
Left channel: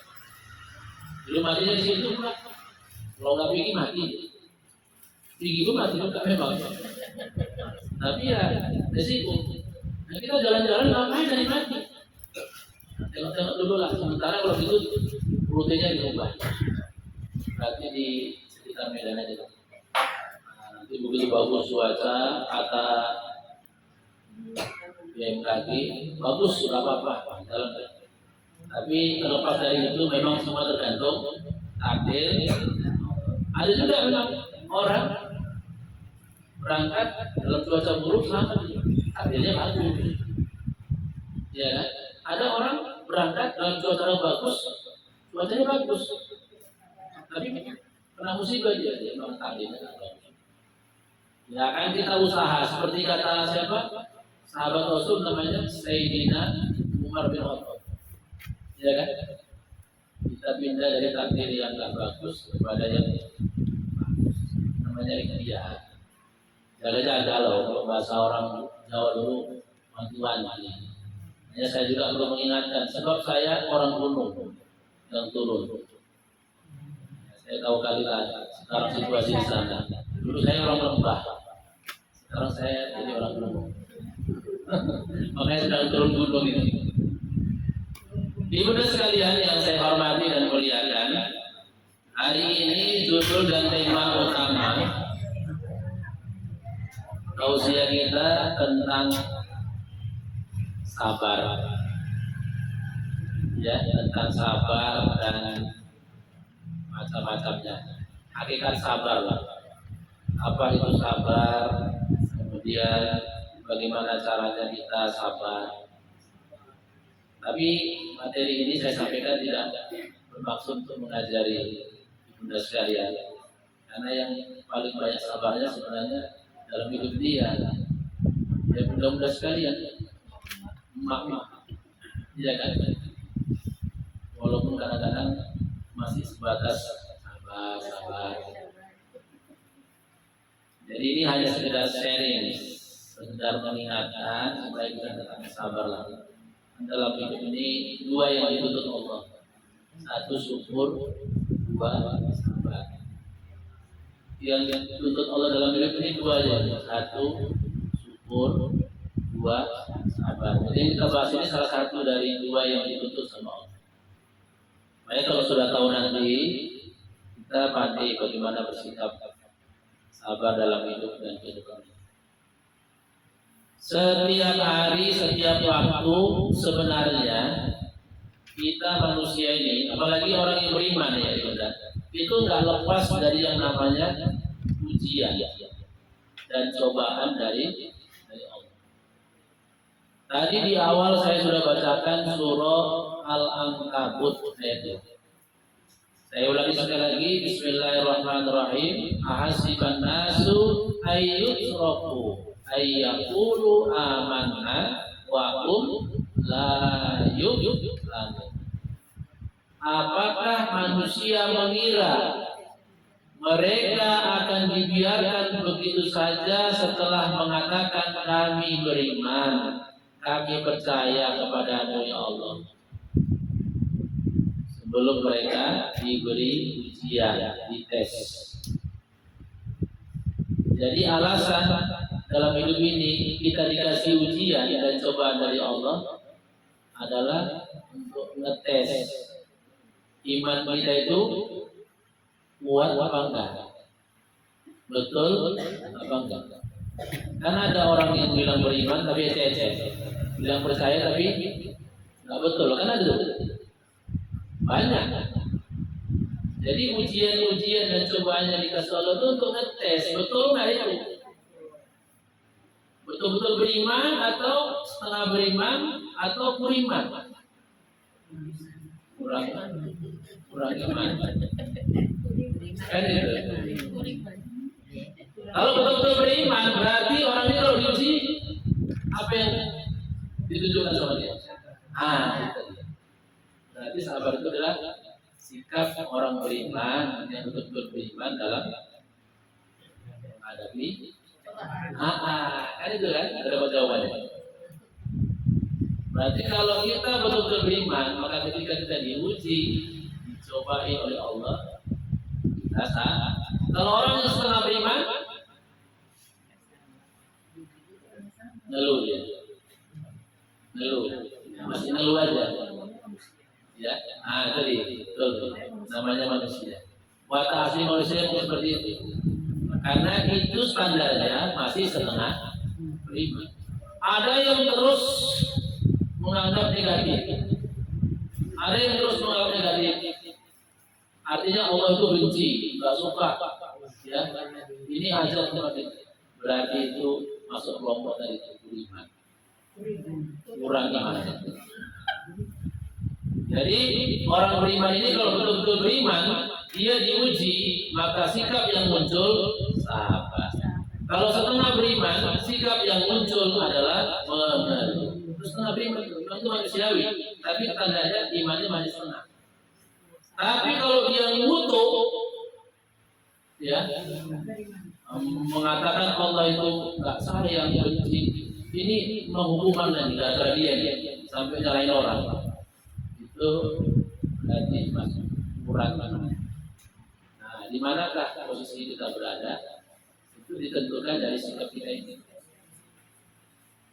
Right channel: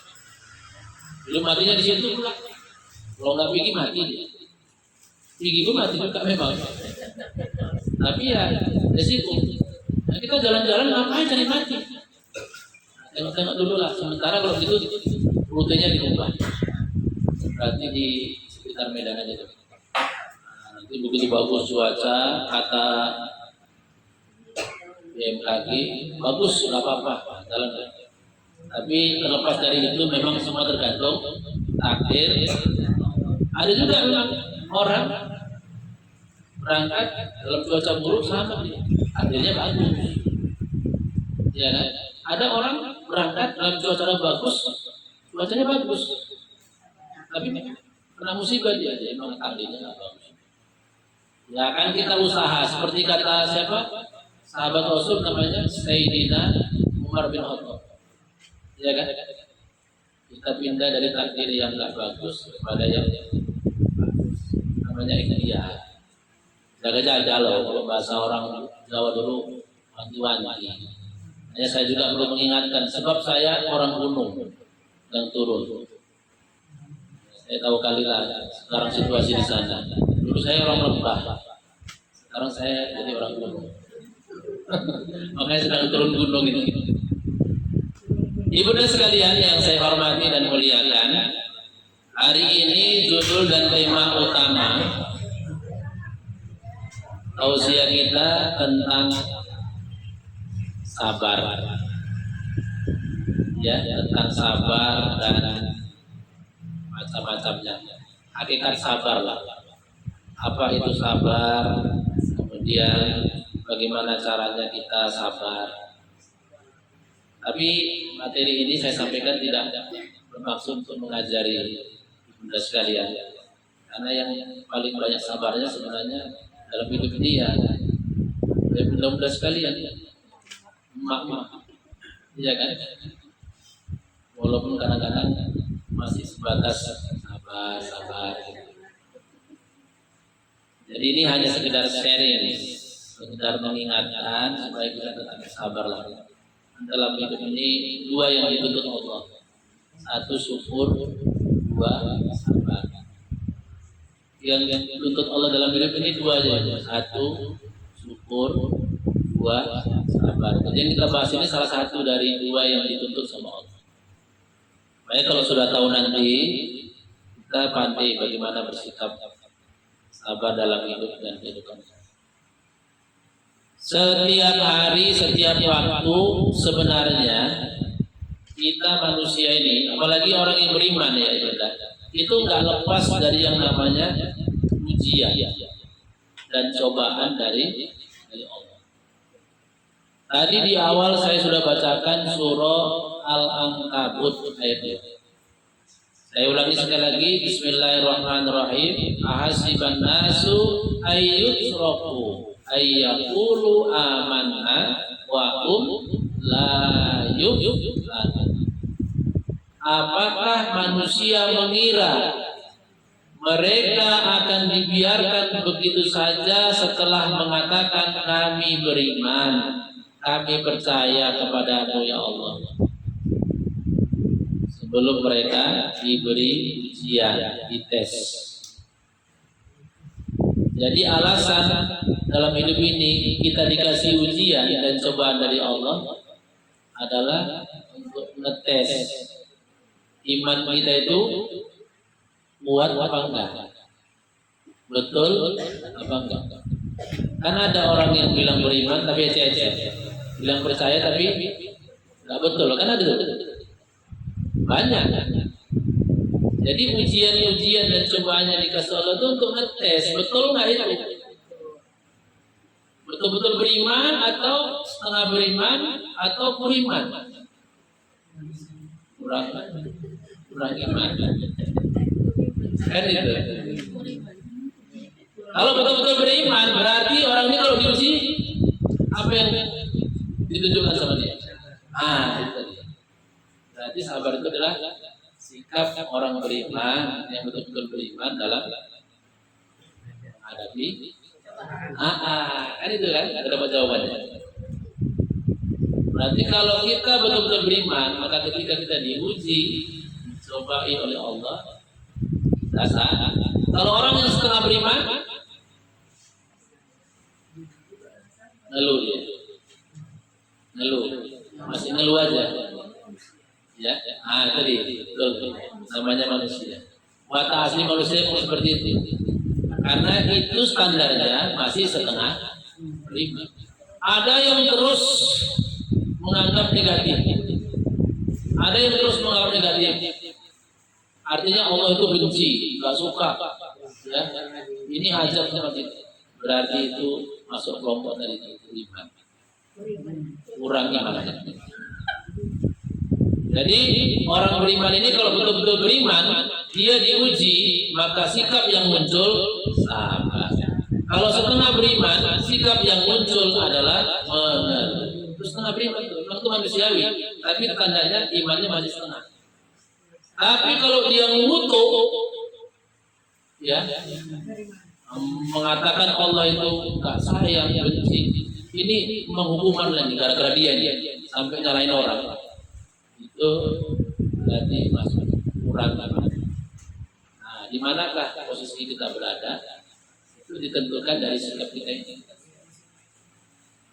Hidup matinya di situ, kalau nggak pergi mati, pergi itu mati juga memang. Tapi ya resiko. Nah, kita jalan-jalan ngapain cari mati? Tengok-tengok dulu lah. Sementara kalau gitu rutenya diubah. Berarti di sekitar Medan aja. Nah, nanti begitu bagus cuaca, kata BMKG bagus, nggak apa-apa, jalan. Tapi terlepas dari itu memang semua tergantung takdir. Ada juga memang orang berangkat dalam cuaca buruk selamat, akhirnya bagus. Ya kan? Ada orang berangkat dalam cuaca bagus, cuacanya bagus, tapi kena musibah dia memang takdirnya nggak bagus. Ya kan kita usaha seperti kata siapa? Sahabat Rasul namanya Sayyidina Umar bin Khattab. Ya kan? Kita pindah dari takdir yang nggak bagus kepada yang bagus. Namanya ikhtiar. Jaga-jaga loh, kalau bahasa orang Jawa dulu wanti-wanti. Ya, saya juga perlu mengingatkan, sebab saya orang gunung yang turun. Saya tahu kali lah sekarang situasi di sana. Dulu saya orang lembah, sekarang saya jadi orang gunung. Makanya sedang turun gunung ini. Ibu dan sekalian yang saya hormati dan muliakan, hari ini judul dan tema utama tausiah kita tentang sabar, ya, tentang sabar dan macam-macamnya. Hakikat sabar lah. Apa itu sabar? Kemudian bagaimana caranya kita sabar? Tapi materi ini saya sampaikan tidak bermaksud untuk mengajari bunda sekalian, karena yang paling banyak sabarnya sebenarnya dalam hidup dia. Ya bunda sekalian, emak-emak, iya kan? Walaupun kadang-kadang masih sebatas sabar. Jadi ini hanya sekedar sharing, sekedar mengingatkan supaya kita tetap sabar lah. Dalam hidup ini dua yang dituntut Allah, satu syukur, dua sabar. Yang dituntut Allah dalam hidup ini dua aja, satu syukur, dua sabar. Jadi yang kita bahas ini salah satu dari dua yang dituntut sama Allah. Makanya kalau sudah tahu nanti kita pandai bagaimana bersikap sabar dalam hidup dan kehidupan. Setiap hari, setiap waktu sebenarnya kita manusia ini, apalagi orang yang beriman ya ibadah, itu nggak lepas dari yang namanya ujian dan cobaan dari Allah. Tadi di awal saya sudah bacakan surah Al-Ankabut ayat 2. Saya ulangi sekali lagi, Bismillahirrahmanirrahim. Ahasiban nasu ayyutraku ayyaqulu amanna wa la yuftanun. Apakah manusia mengira mereka akan dibiarkan begitu saja setelah mengatakan kami beriman, kami percaya kepadamu ya Allah, sebelum mereka diberi ujian, dites. Jadi alasan dalam hidup ini kita dikasih ujian dan cobaan dari Allah adalah untuk ngetes iman kita itu kuat apa enggak, betul apa enggak. Karena ada orang yang bilang beriman tapi ecek-ecek, bilang percaya tapi enggak betul, kan ada banyak. Jadi ujian-ujian dan cobaan yang dikasih Allah itu untuk ngetes betul nggak itu, betul-betul beriman atau setengah beriman atau kuriman, kurang iman kan itu. Kalau betul-betul beriman berarti orang ini kalau diuji apa yang ditunjukkan sama dia, itu dia. Berarti sabar itu adalah sikap orang beriman yang betul-betul beriman dalam menghadapi kan itu kan, ada jawabannya. Berarti kalau kita betul-betul beriman, maka ketika kita diuji, dicobai oleh Allah, kita saat. Kalau orang yang setengah beriman, ngeluh, masih ngeluh aja. Ya, tadi betul, namanya manusia. Watak asli manusia pun seperti itu. Karena itu standarnya masih setengah beriman. Ada yang terus menganggap negatif, ada yang terus menganggap negatif. Artinya Allah itu benci, nggak suka. Ya, ini ajar seperti itu. Berarti itu masuk kelompok dari beriman. Kurang imannya. Jadi orang beriman ini kalau betul-betul beriman, dia diuji, maka sikap yang muncul sabar. Kalau setengah beriman, sikap yang muncul adalah mengeluh. Terus setengah beriman itu manusiawi, tapi tandanya imannya masih setengah. Tapi kalau dia ngutuk, ya, mengatakan Allah itu nggak sayang, benci, ini menghukuman lagi gara-gara dia sampai nyalain orang. Itu berarti masuk kurang iman. Nah, di manakah posisi kita berada? Itu ditentukan dari sikap kita ini.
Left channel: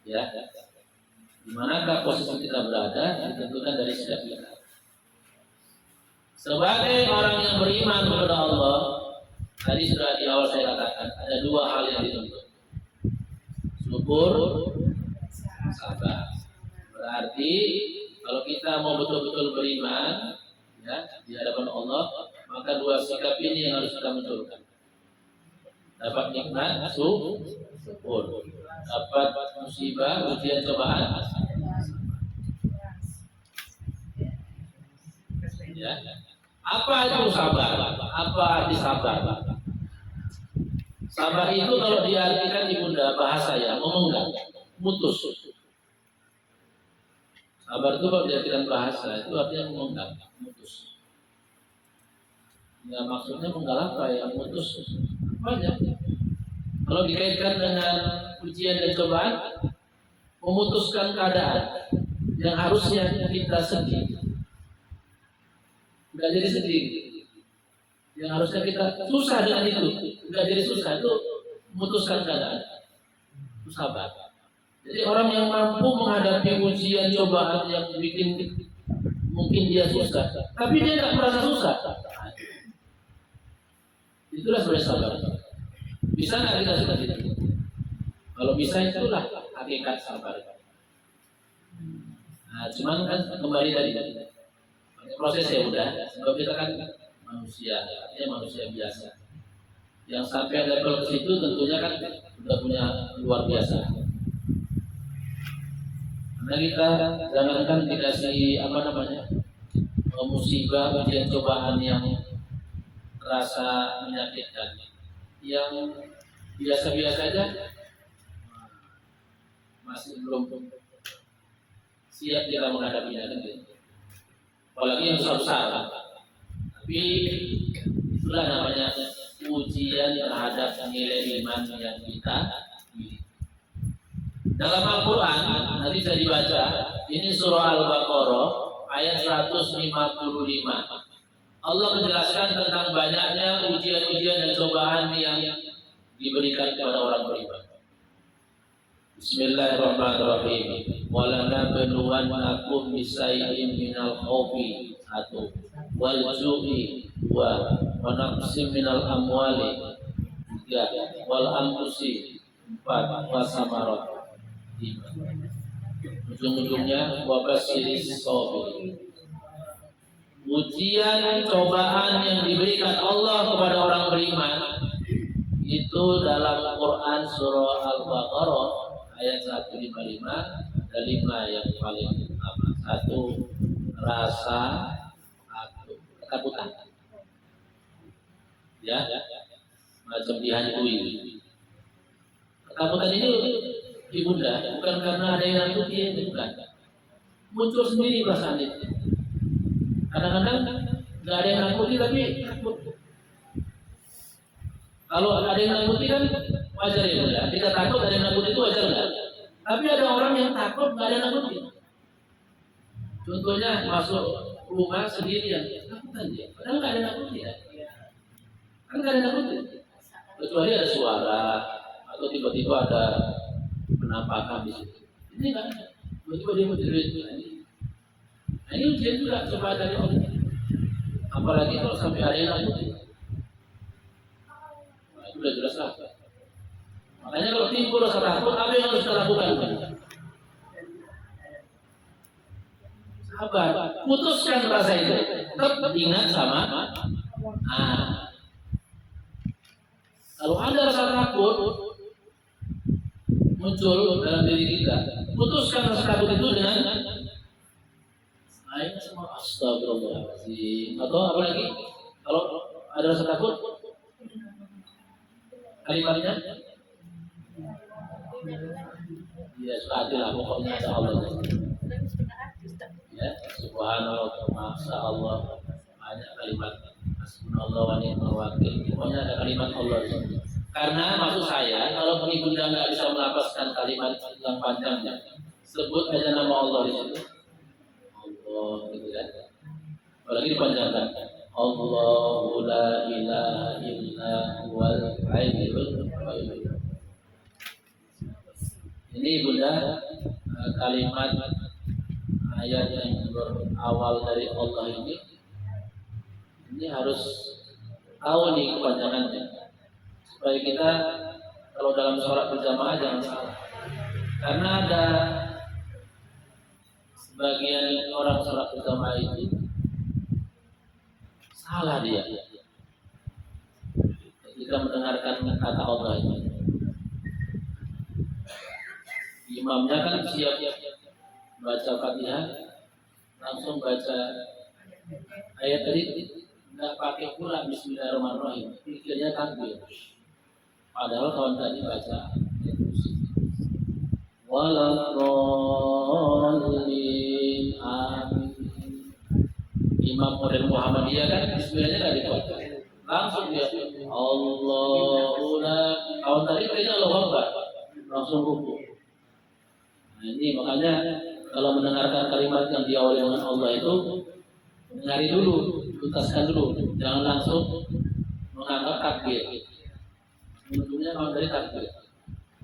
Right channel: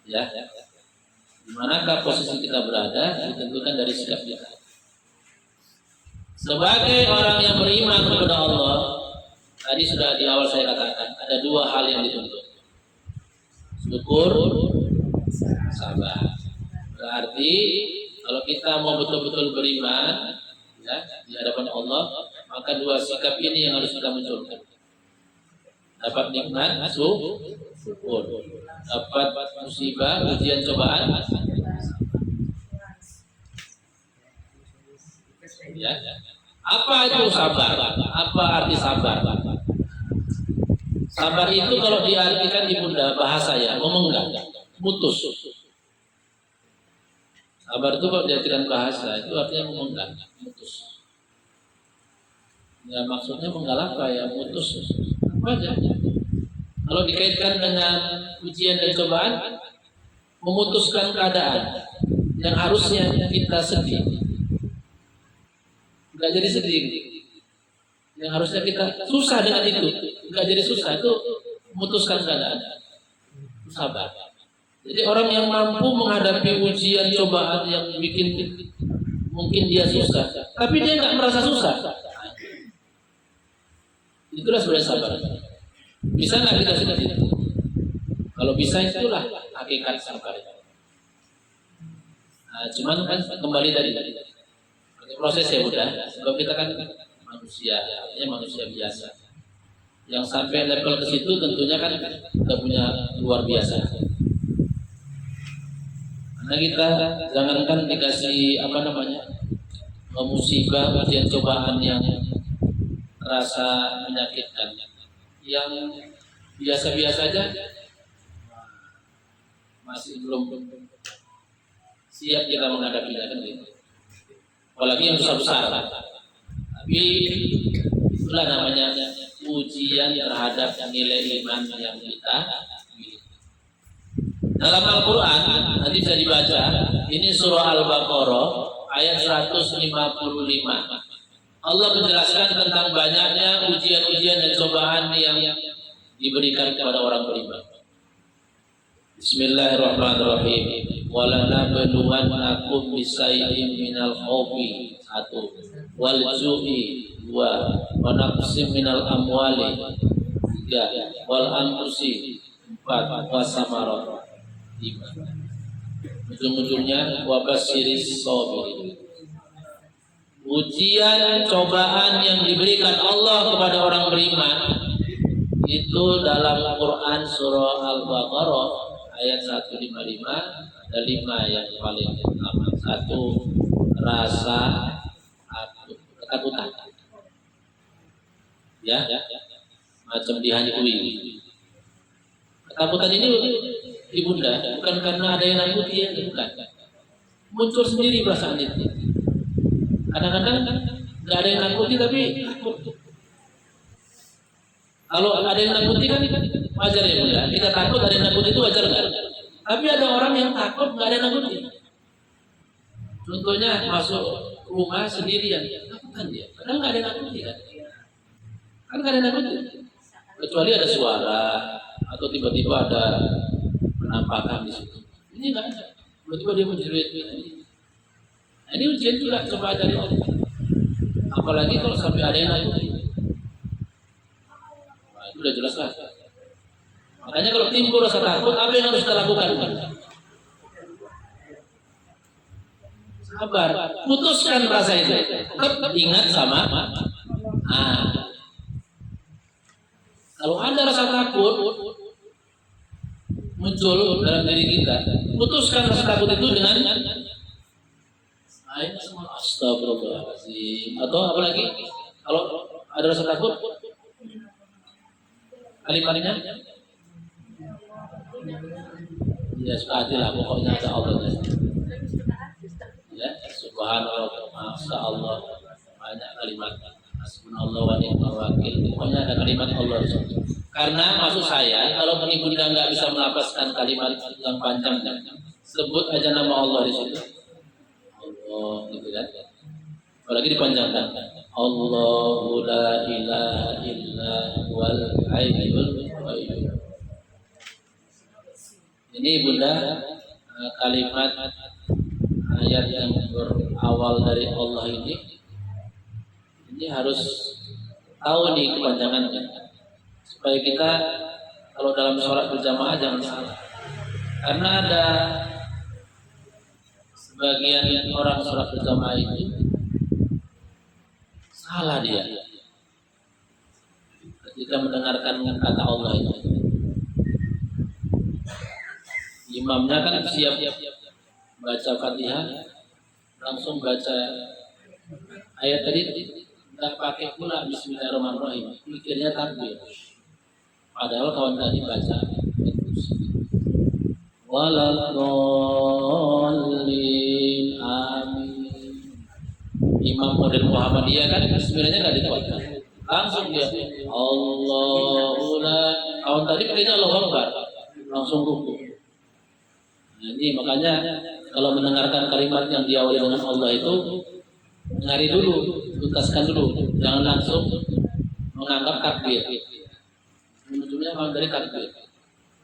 Ya, di manakah posisi kita berada? Ditentukan dari sikap kita. Sebagai orang yang beriman kepada Allah, tadi sudah di awal saya katakan ada dua hal yang dituntut: syukur, sabar. Berarti kalau kita mau betul-betul beriman, ya, di hadapan Allah, maka dua sikap ini yang harus kita munculkan. Dapat nikmat, syukur. Dapat musibah, ujian, cobaan, ya. Apa itu sabar? Apa arti sabar? Sabar itu kalau diartikan di bunda bahasa ya, memenggang, mutus. Sabar itu kalau diartikan bahasa itu artinya memenggang, mutus. Ya maksudnya menggal apa ya, mutus. Apa aja? Kalau dikaitkan dengan ujian dan cobaan, memutuskan keadaan yang harusnya kita sedih, nggak jadi sedih. Yang harusnya kita susah dengan itu, nggak jadi susah, itu memutuskan keadaan. Itu sabar. Jadi orang yang mampu menghadapi ujian cobaan yang bikin mungkin dia susah, tapi dia nggak merasa susah, itulah sebenarnya sabar. Bisa nggak kita sudah tidak? Kalau bisa itulah hakikat sabar. Nah, cuman kan kembali dari proses ya udah. Sebab kita kan manusia, ya manusia biasa. Yang sampai level ke situ tentunya kan kita punya luar biasa. Karena kita jangankan dikasih musibah, ujian cobaan yang terasa menyakitkan, yang biasa-biasa aja masih belum siap kita menghadapinya kan gitu. Apalagi yang besar-besar. Tapi itulah namanya ujian terhadap nilai iman yang kita miliki. Dalam Al-Quran, nanti bisa dibaca, ini surah Al-Baqarah, ayat 155. Allah menjelaskan tentang banyaknya ujian-ujian dan cobaan yang diberikan kepada orang beriman. Bismillahirrahmanirrahim. Walanabluwannakum bisayyin minal khawfi 1, wal ju'i 2, wa naqsim minal amwali 3, wal anfusi 4, wa samarat 5. Ujung-ujungnya wabasyiris shabirin. Ujian cobaan yang diberikan Allah kepada orang beriman itu dalam Quran surah Al-Baqarah ayat 155 ada 5 yang paling utama. 1, rasa ketakutan, ya, macam dihantui. Ketakutan ini ibunda bukan karena ada yang nakuti, ya, bukan, muncul sendiri perasaan itu. Kadang-kadang nggak ada yang nakuti tapi takut. Kalau ada yang nakuti kan wajar ya bunda. Kita takut ada yang nakuti itu wajar nggak? Tapi ada orang yang takut nggak ada yang nakuti. Contohnya masuk rumah sendirian, takutan dia. Padahal nggak ada yang nakuti kan? Kan nggak ada yang nakuti. Kecuali ada suara atau tiba-tiba ada penampakan di situ. Ini nggak ada. Tiba-tiba dia mau cerita ini. Nah, ini ujian juga coba dari Allah. Apalagi kalau sampai ada yang lain, nah, itu udah jelas lah. Makanya kalau timbul rasa takut, apa yang harus kita lakukan? Sabar, putuskan rasa itu. Tetap ingat sama. Nah, kalau ada rasa takut muncul dalam diri kita, putuskan rasa takut itu dengan saya semua astagfirullahaladzim. Atau apalagi kalau ada rasa takut, kalimatnya ya sepatilah pokoknya insya Allah ya subhanallah masya Allah banyak kalimat hasbunallah wa ni'mal wakil pokoknya ada kalimat Allah karena maksud saya kalau ibunda nggak bisa melafazkan kalimat yang panjang sebut aja nama Allah di situ Allah gitu kan apalagi dipanjangkan Allahu la ilaha illa huwal hayyul qayyum. Ini bunda kalimat ayat yang berawal dari Allah ini harus tahu nih kepanjangannya supaya kita kalau dalam sholat berjamaah jangan salah karena ada sebagian orang sholat berjamaah itu salah dia ketika mendengarkan kata Allah ini. Imamnya kan siap baca Fatihah, langsung baca ayat tadi nggak pakai pula Bismillahirrahmanirrahim, pikirnya takbir. Padahal kawan tadi baca Waladhdallin amin. Imam model Muhammadiyah kan Bismillahnya nggak dipotong, langsung dia Allahullah. Kawan tadi pikirnya Allah Akbar, langsung ruku. Nah, ini makanya kalau mendengarkan kalimat yang diawali dengan Allah itu nyari dulu, tuntaskan dulu, jangan langsung menganggap takbir. Ujungnya memang dari takbir,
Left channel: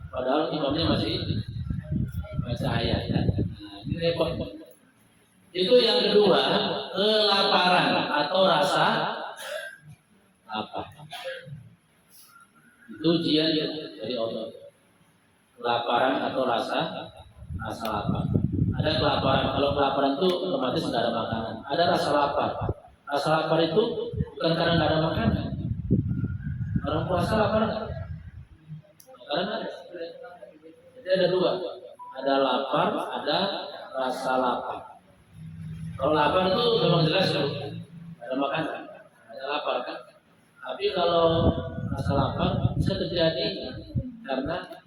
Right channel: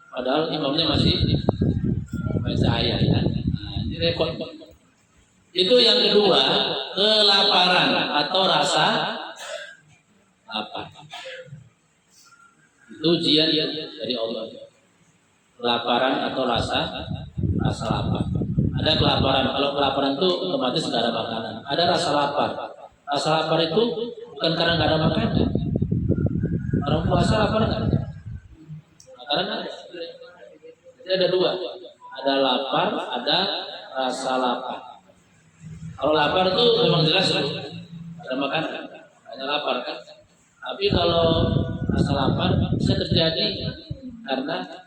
padahal imamnya masih baca ayat. Nah, ini repot. Itu yang kedua, kelaparan atau rasa lapar. Itu ujian dari Allah. Kelaparan atau rasa lapar. Ada kelaparan. Kalau kelaparan itu otomatis nggak ada makanan. Ada rasa lapar. Rasa lapar itu bukan karena nggak ada makanan. Orang puasa lapar nggak? Makanan. Jadi ada dua. Ada lapar, ada rasa lapar. Kalau lapar itu memang jelas loh. Ada makanan, ada lapar kan. Tapi kalau rasa lapar bisa terjadi karena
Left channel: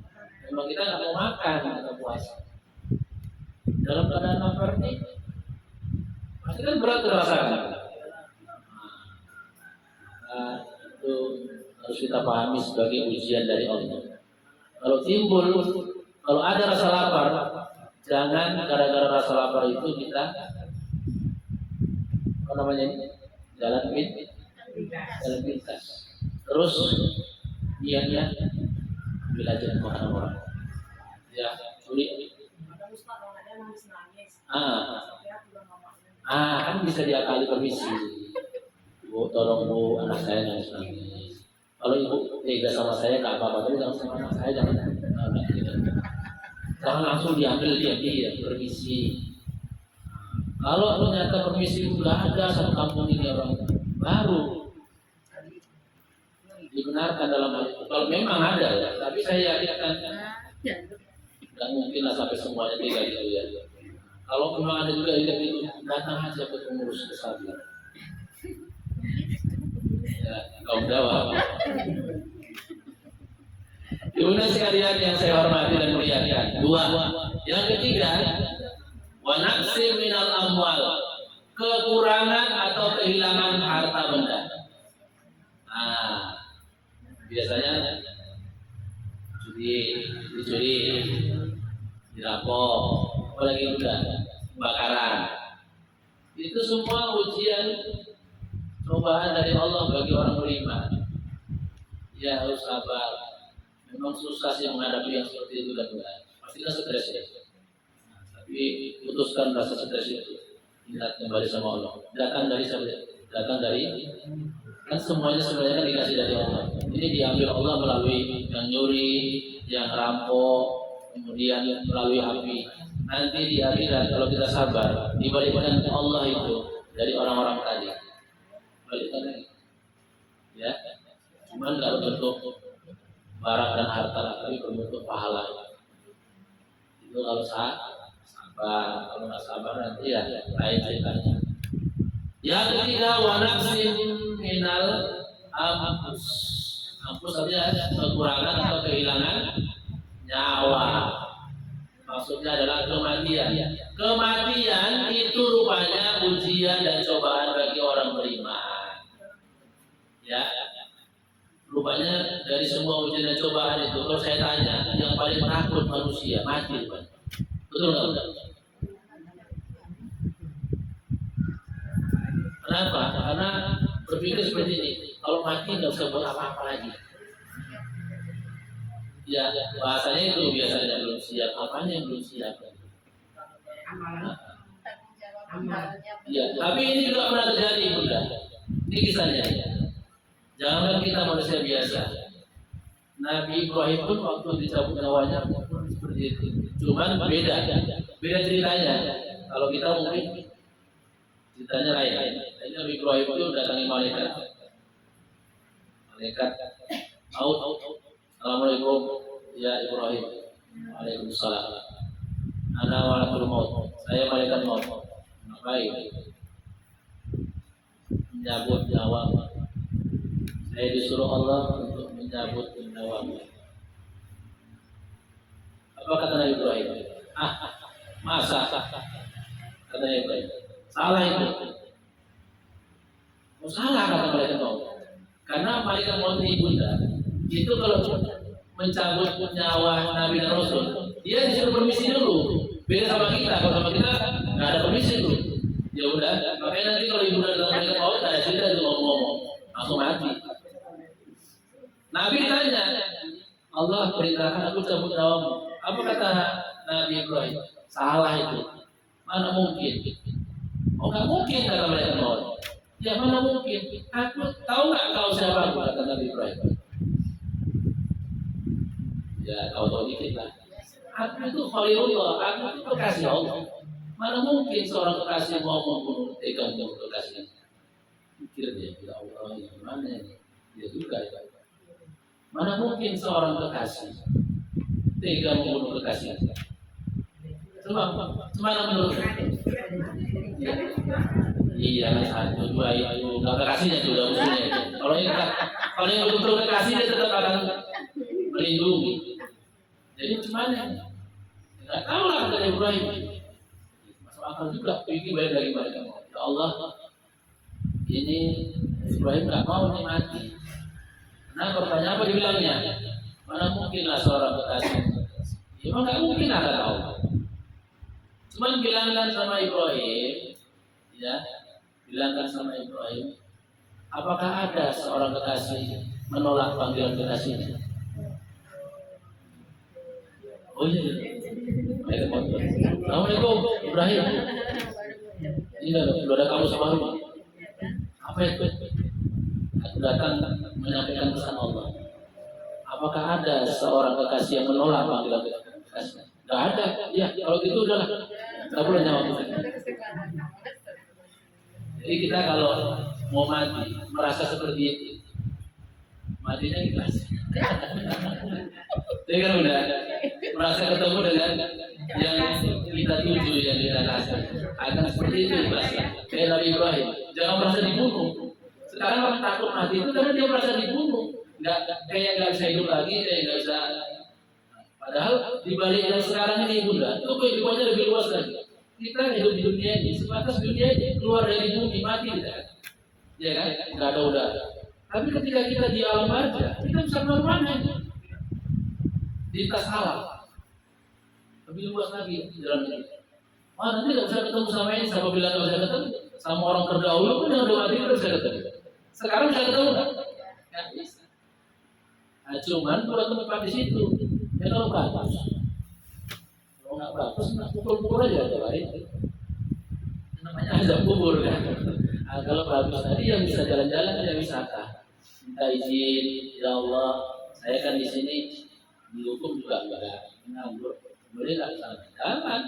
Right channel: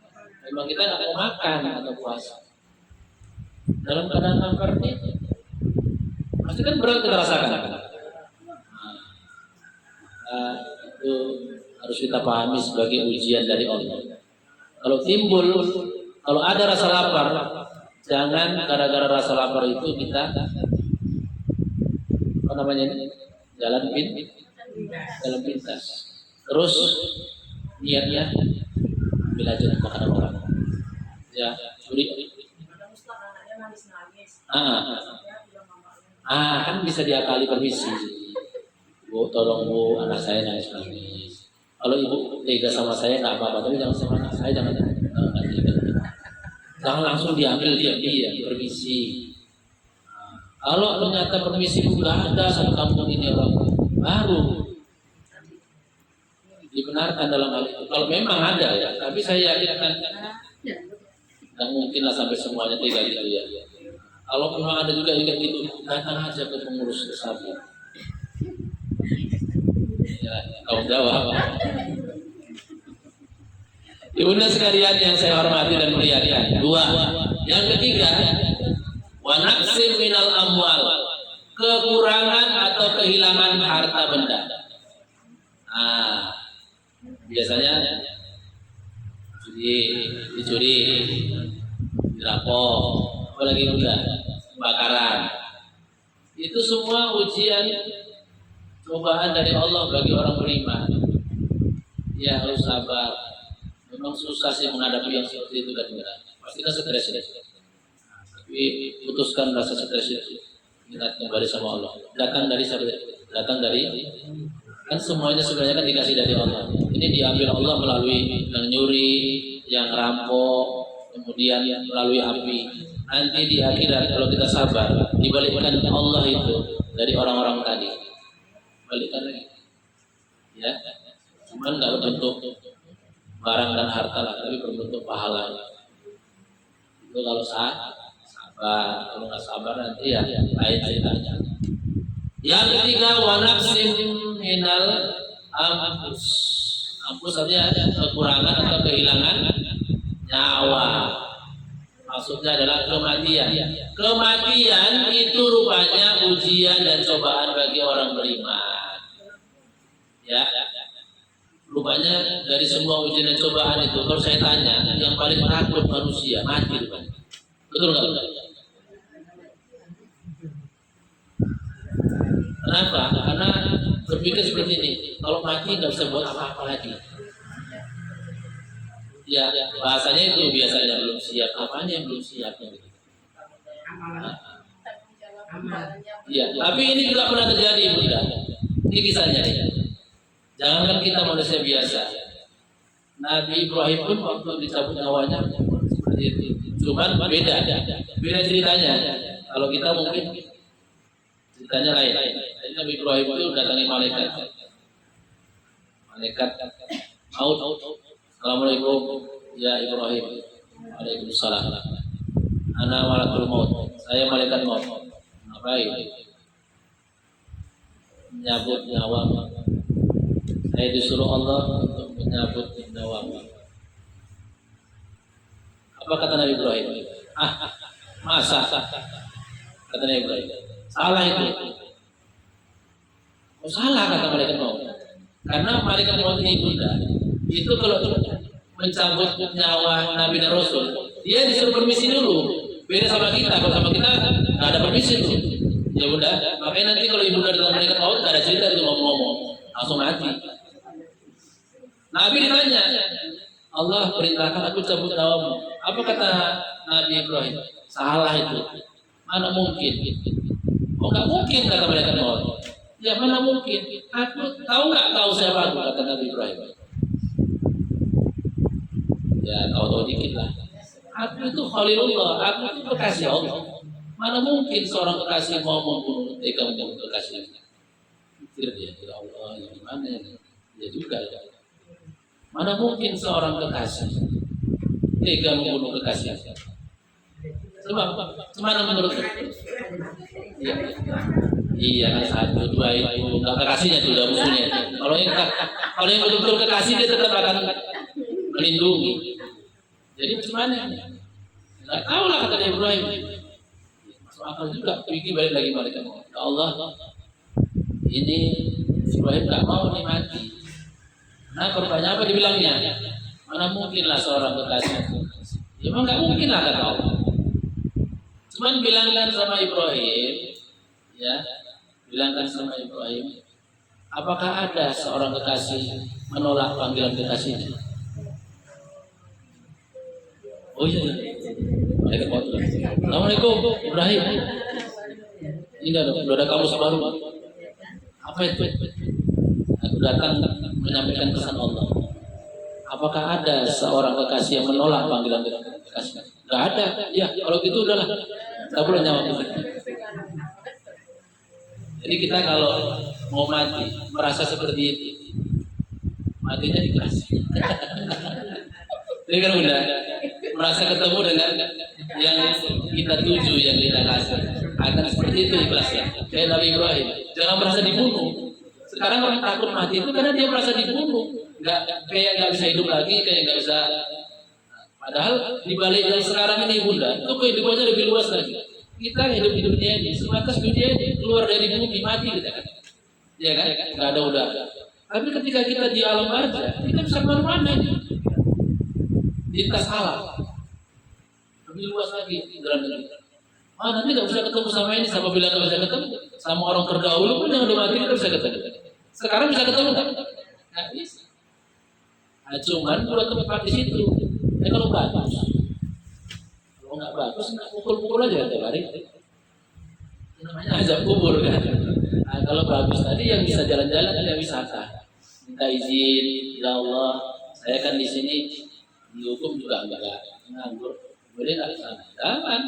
memang kita nggak mau makan atau puasa. Dalam keadaan lapar ini pasti kan berat dirasakan. Nah, itu harus kita pahami sebagai ujian dari Allah. Kalau timbul, kalau ada rasa lapar, jangan gara-gara rasa lapar itu kita apa namanya ini jalan pintas. Terus niatnya ambil aja makanan orang. Ya, curi. Kan bisa diakali permisi. Bu, tolong bu, anak saya nangis. Kalau ibu tega sama saya nggak apa-apa, tapi jangan sama anak saya jangan langsung diambil dia permisi. Kalau ternyata permisi itu nggak ada sama kampung ini orang baru dibenarkan dalam hal itu. Kalau memang ada ya, tapi saya yakin nggak mungkin lah sampai semuanya tega gitu ya. Kalau memang ada juga yang itu, datang aja ke pengurus besarnya. Ya, kau jawab. Ibunda sekalian yang saya hormati dan muliakan. Dua. Yang ketiga, wa naqsin minal amwal, kekurangan atau kehilangan harta benda. Biasanya dicuri, dirampok, apalagi juga kebakaran. Itu semua ujian cobaan dari Allah bagi orang beriman. Ya harus sabar. Memang susah sih menghadapi yang seperti itu dan pasti kan stres ya. Tapi putuskan rasa stres itu. Ingat kembali sama Allah. Datang dari siapa? Datang dari, kan semuanya sebenarnya kan dikasih dari Allah. Ini diambil Allah melalui yang nyuri, yang rampok, kemudian melalui api. Nanti di akhirat kalau kita sabar, dibalikkan Allah itu dari orang-orang tadi. Balikkan lagi. Ya, cuman nggak bentuk barang dan harta lah, tapi berbentuk pahala. Itu kalau sabar, kalau nggak sabar nanti ya lain ceritanya. Yang ketiga, wa naqsin minal anfus. Anfus artinya kekurangan atau kehilangan nyawa. Maksudnya adalah kematian. Kematian itu rupanya ujian dan cobaan bagi orang beriman. Ya, rupanya dari semua ujian dan cobaan itu, kalau saya tanya, yang paling takut manusia mati rupanya. Betul nggak? Kenapa? Karena berpikir seperti ini, kalau mati nggak bisa buat apa-apa lagi. Ya, bahasanya itu biasanya belum siap. Apanya yang belum siap? Iya, tapi ini juga pernah terjadi, Bunda. Ini kisahnya. Jangan kita manusia biasa. Nabi Ibrahim pun waktu dicabut nyawanya seperti itu. Cuman beda ceritanya. Kalau kita mungkin ceritanya lain. Nabi Ibrahim itu datangi malaikat maut. Assalamualaikum ya Ibrahim. Waalaikumsalam. Ana malakul maut. Saya malaikat maut. Ngapain? Menyabut nyawa. Saya disuruh Allah untuk menyabut nyawamu. Apa kata Nabi Ibrahim? Masa? Kata Nabi Ibrahim. Salah itu. Oh, salah kata malaikat maut. Karena malaikat maut ini Bunda, itu kalau mencabut nyawa Nabi dan Rasul, dia disuruh permisi dulu. Beda sama kita. Kalau sama kita nggak ada permisi dulu. Ya udah. Makanya nanti kalau ibu datang malaikat maut nggak ada cerita itu ngomong-ngomong, langsung mati. Nabi ditanya, Allah perintahkan aku cabut nyawamu. Apa kata Nabi Ibrahim? Salah itu. Mana mungkin? Oh nggak mungkin kata malaikat maut. Ya mana mungkin? Aku tahu nggak kau siapa aku, kata Nabi Ibrahim. Ya tahu dikit lah. Aku itu Khalilullah, aku itu kekasih Allah. Mana mungkin seorang kekasih mau membunuh kamu kekasihnya? Pikir dia, ya Allah, ya gimana ini? Ya juga ya. Mana mungkin seorang kekasih tega membunuh kekasihnya? Cuma menurut iya, satu dua itu nggak kekasihnya tuh harusnya. Kalau yang betul kekasih dia tetap akan melindungi. Jadi cuman nggak tahu lah kata Ibrahim. Masuk akal juga. Pikir balik lagi mereka. Ya Allah, ini Ibrahim nggak mau nih mati. Nah, pertanyaan apa dibilangnya? Mana mungkin lah seorang kekasih? Ya, emang nggak mungkin lah kata Allah. Cuman bilangkan sama Ibrahim, ya, bilangkan sama Ibrahim, apakah ada seorang kekasih menolak panggilan kekasihnya? Oh iya. Assalamualaikum Ibrahim. Ini udah ada kamu sebaru. Apa itu? Aku datang menyampaikan pesan Allah. Apakah ada seorang kekasih yang menolak panggilan kekasih? Tidak ada. Ya, kalau gitu udah tak perlu jawab itu. Jadi kita kalau mau mati merasa seperti itu, matinya ikhlas. Jadi kan udah merasa ketemu dengan yang kita tuju, yang kita kasih, akan seperti itu ikhlasnya. Kayak Nabi Ibrahim, jangan merasa dibunuh. Sekarang orang takut mati itu karena dia merasa dibunuh, kayak nggak bisa hidup lagi, kayak nggak bisa. Padahal di balik yang sekarang ini Bunda, itu kehidupannya lebih luas lagi. Kita hidup di dunia ini, sebatas dunia ini, keluar dari bumi mati kita kan, ya kan? Nggak ada udara. Tapi ketika kita di alam aja, kita bisa kemana-mana ini. Lintas alam, lebih luas lagi di dalam diri. Nanti nggak bisa ketemu sama ini, sama bila nggak bisa ketemu, sama orang terdahulu pun yang belum mati nggak bisa ketemu. Sekarang bisa ketemu kan? Nggak bisa. Nah, cuman kalau tempat di situ, ya kalau bagus, kalau nggak bagus, nggak pukul-pukul aja tiap hari. Namanya bagus tadi yang bisa jalan-jalan dia wisata. Minta izin, ya Allah, saya kan di sini dihukum juga enggak nganggur, boleh nggak sana? Jangan,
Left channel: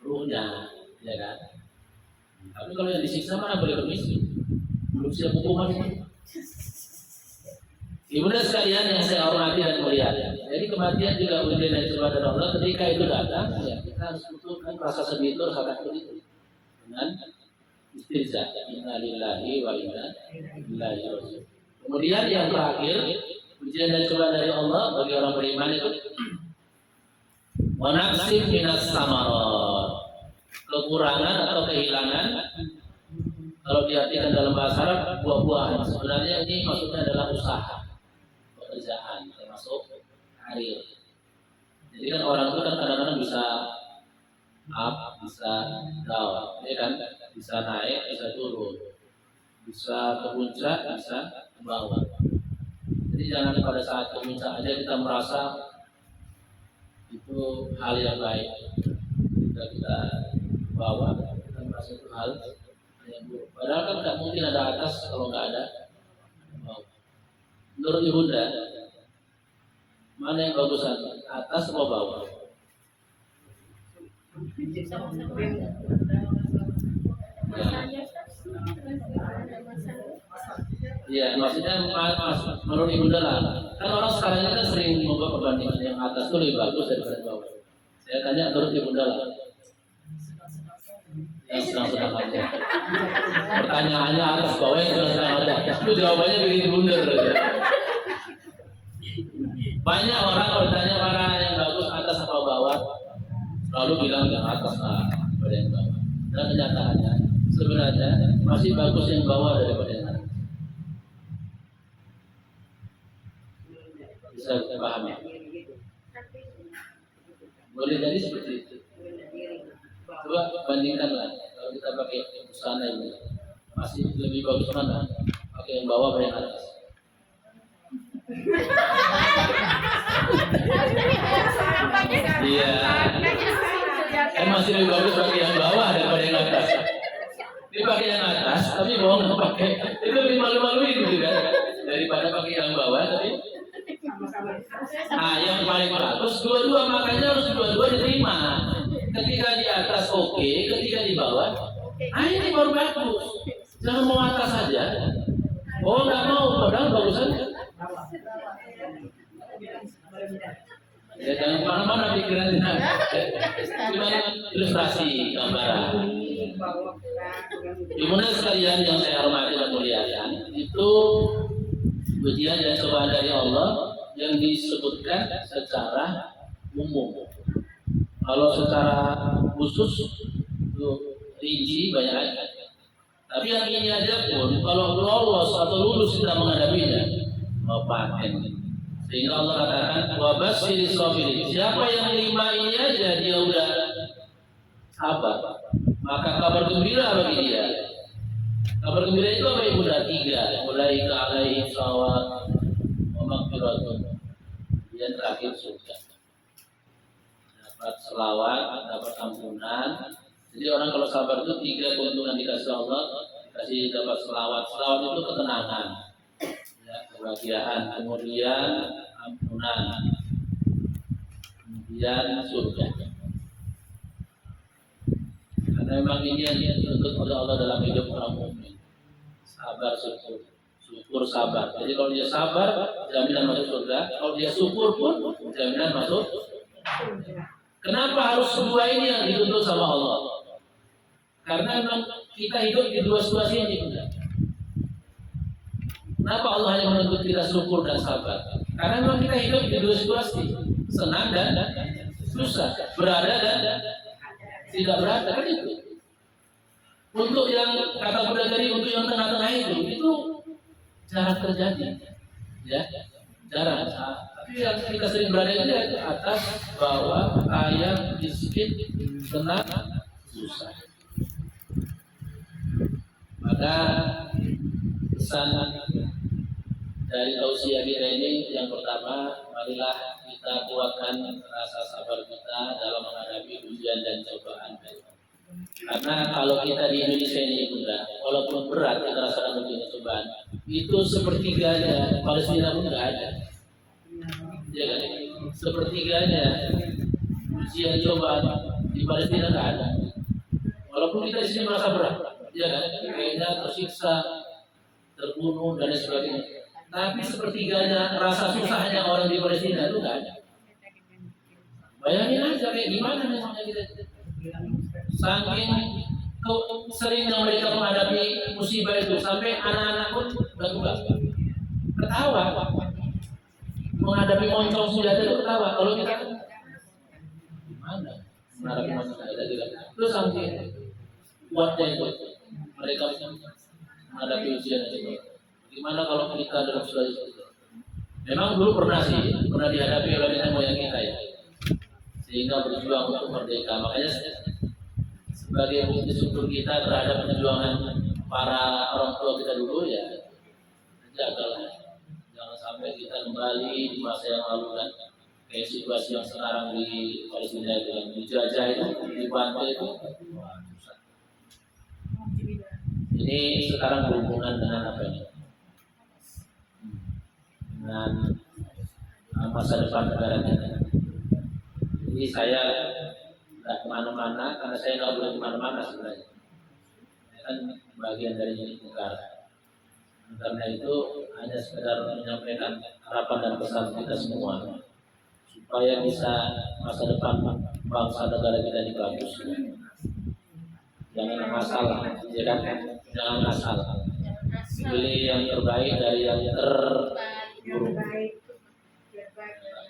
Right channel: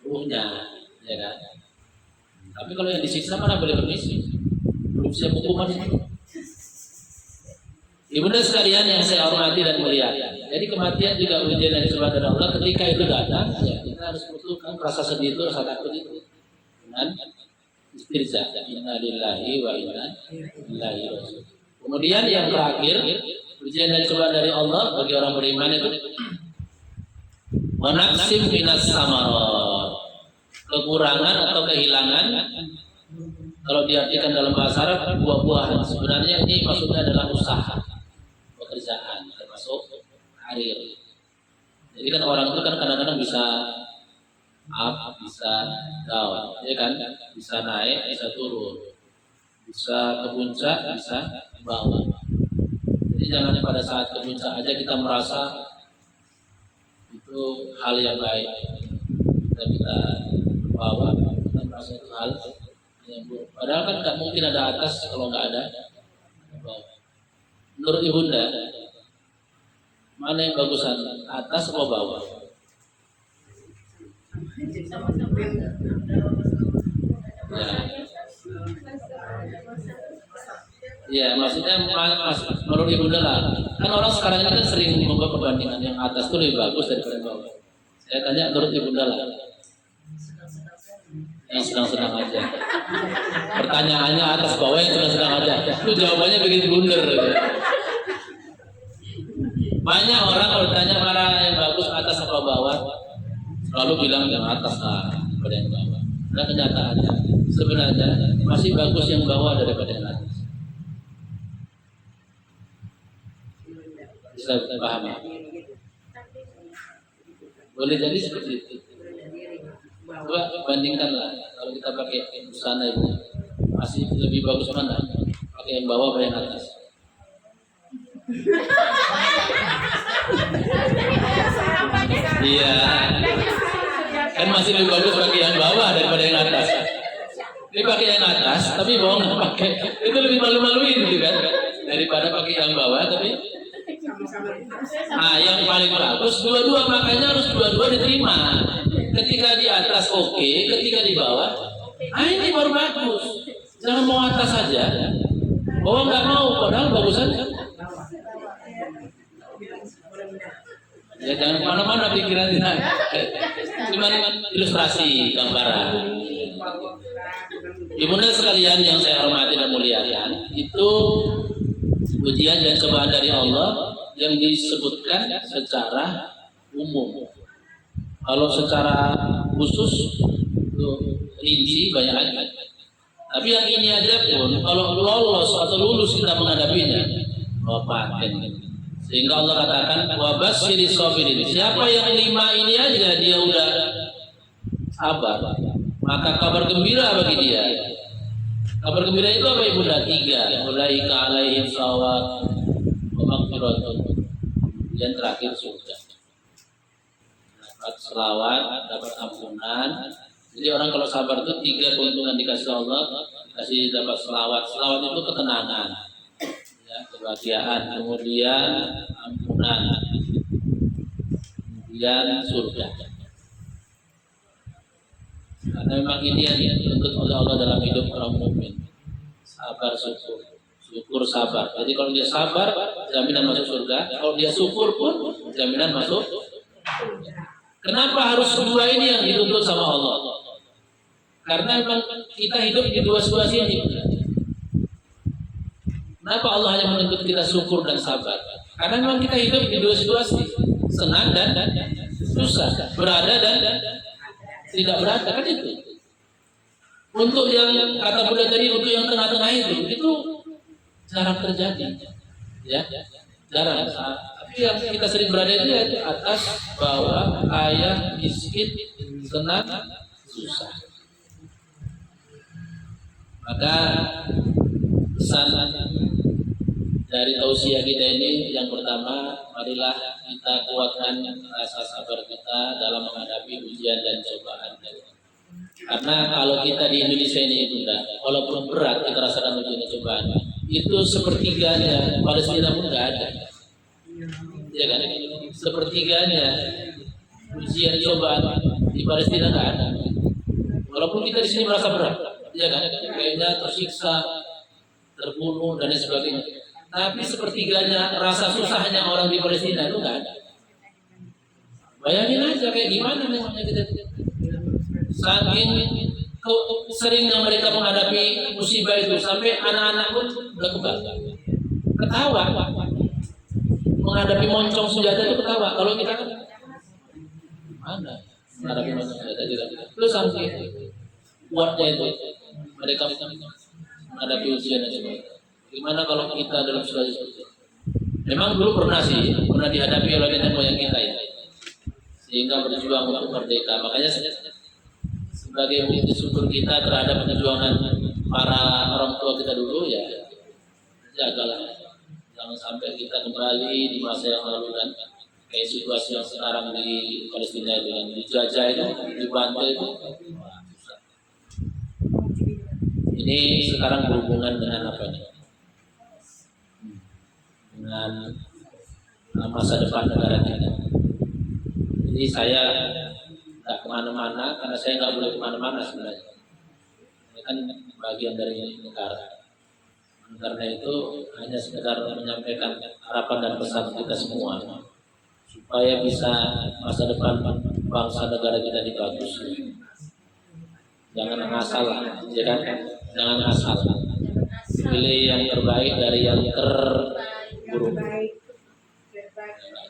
ruhnya, ya kan. Tapi kalau yang disiksa mana boleh permisi, belum siap hukuman itu. Ibunda sekalian yang saya hormati dan muliakan. Jadi kematian juga ujian dari dari Allah. Ketika itu datang, ya kita harus butuhkan rasa sedih itu, rasa takut itu dengan istirja. Inna lillahi wa inna ilaihi raji'un. Kemudian yang terakhir, ujian dan cobaan dari Allah bagi orang beriman itu wanaksim minas samarat, kekurangan atau kehilangan. Kalau diartikan dalam bahasa Arab, buah-buahan. Sebenarnya ini maksudnya adalah usaha, pekerjaan, termasuk karir. Jadi kan orang itu kan kadang-kadang bisa up, bisa down, ya kan? Bisa naik, bisa turun, bisa ke puncak, bisa ke bawah. Jadi jangan pada saat ke puncak aja kita merasa itu hal yang baik. Kita ke bawah, kita merasa itu hal yang buruk. Padahal kan nggak mungkin ada atas kalau nggak ada bawah. Menurut Ibunda, mana yang bagusan, atas atau bawah? Ya, maksudnya menurut Ibunda lah. Kan orang sekarang ini kan sering membuat perbandingan yang atas itu lebih bagus daripada bawah. Saya tanya menurut Ibunda lah. Yang sedang-sedang aja. Pertanyaannya atas bawah yang sedang-sedang aja. Itu jawabannya bikin blunder. Banyak orang kalau ditanya mana yang bagus atas atau bawah, selalu bilang yang atas lah daripada yang bawah. Nah kenyataannya sebenarnya masih bagus yang bawah daripada yang atas. Bisa paham ya? Boleh jadi seperti itu. Coba bandingkanlah kalau kita pakai busana itu masih lebih bagus mana? Pakai yang bawah atau yang atas? Iya, kan masih lebih bagus pakai yang bawah daripada yang atas. Ini pakai yang atas, tapi bawah nggak pakai, itu lebih malu-maluin gitu kan, daripada pakai yang bawah tapi. Ah, yang paling bagus dua-dua, makanya harus dua-dua diterima. Ketika di atas oke, ketika di bawah, ini baru bagus. Jangan mau atas saja. Oh nggak mau, padahal bagusan. Ya jangan kemana-mana pikiran kita. Cuma ilustrasi gambaran. Ibunda sekalian yang saya hormati dan muliakan, itu ujian dan cobaan dari Allah yang disebutkan secara umum. Kalau secara khusus itu rinci banyak. Tapi yang ini aja pun kalau lolos atau lulus kita menghadapinya, paten. Sehingga Allah katakan wabasyiri sabirin. Siapa yang 5 ini aja dia udah sabar, maka kabar gembira bagi dia. Kabar gembira itu apa ibu? 3. Ulaika alaihim shawab wa maghfiratun. Yang terakhir surga. Dapat selawat, dapat ampunan. Jadi orang kalau sabar itu 3 keuntungan dikasih Allah, dikasih dapat selawat. Selawat itu ketenangan, ya, kebahagiaan, kemudian ampunan, kemudian surga. Karena memang ini yang dituntut oleh Allah dalam hidup orang mukmin. Sabar, syukur, sabar. Jadi kalau dia sabar, jaminan masuk surga. Kalau dia syukur pun, jaminan masuk. Kenapa harus 2 ini yang dituntut sama Allah? Karena memang kita hidup di 2 situasi ini. Kenapa Allah hanya menuntut kita syukur dan sabar? Karena memang kita hidup di 2 situasi, senang dan susah, berada dan tidak berada, kan itu. Untuk yang kata Buddha tadi, untuk yang tengah-tengah itu jarang terjadi, ya, jarang. Tapi yang kita sering berada itu atas, bawah, kaya, miskin, senang, susah. Maka pesan dari tausiah kita ini yang pertama, marilah kita kuatkan rasa sabar kita dalam menghadapi ujian dan cobaan dari Allah. Karena kalau kita di Indonesia ini Bunda, walaupun berat kita rasakan ujian cobaan, itu sepertiganya Palestina pun nggak ada, ya kan? Sepertiganya ujian cobaan di Palestina nggak ada. Walaupun kita di sini merasa berat, ya kan? Kayaknya tersiksa, terbunuh dan lain sebagainya. Tapi sepertiganya rasa susahnya orang di Palestina itu nggak ada. Bayangin aja kayak gimana memangnya kita. Saking seringnya mereka menghadapi musibah itu sampai anak-anak pun udah ketawa menghadapi moncong senjata itu ketawa. Kalau kita kan gimana menghadapi moncong senjata tidak. Terus sampai kuatnya itu mereka menghadapi ujian itu. Gimana kalau kita dalam situasi seperti itu? Memang dulu pernah dihadapi oleh nenek moyang kita ya, sehingga berjuang untuk merdeka. Makanya sebagai bukti syukur kita terhadap perjuangan para orang tua kita dulu ya, jagalah jangan sampai kita kembali di masa yang lalu kan kayak situasi yang sekarang di Palestina itu yang dijajah itu, dibantu itu. Wah, susah. Ini sekarang berhubungan dengan apa ini? Dengan masa depan negara kita. Jadi saya nggak kemana-mana karena saya nggak boleh kemana-mana sebenarnya. Saya kan bagian dari negara. Karena itu hanya sekedar menyampaikan harapan dan pesan kita semua supaya bisa masa depan bangsa negara kita dibagus. Jangan asal, ya kan? Jangan asal. Pilih yang terbaik dari yang terburuk.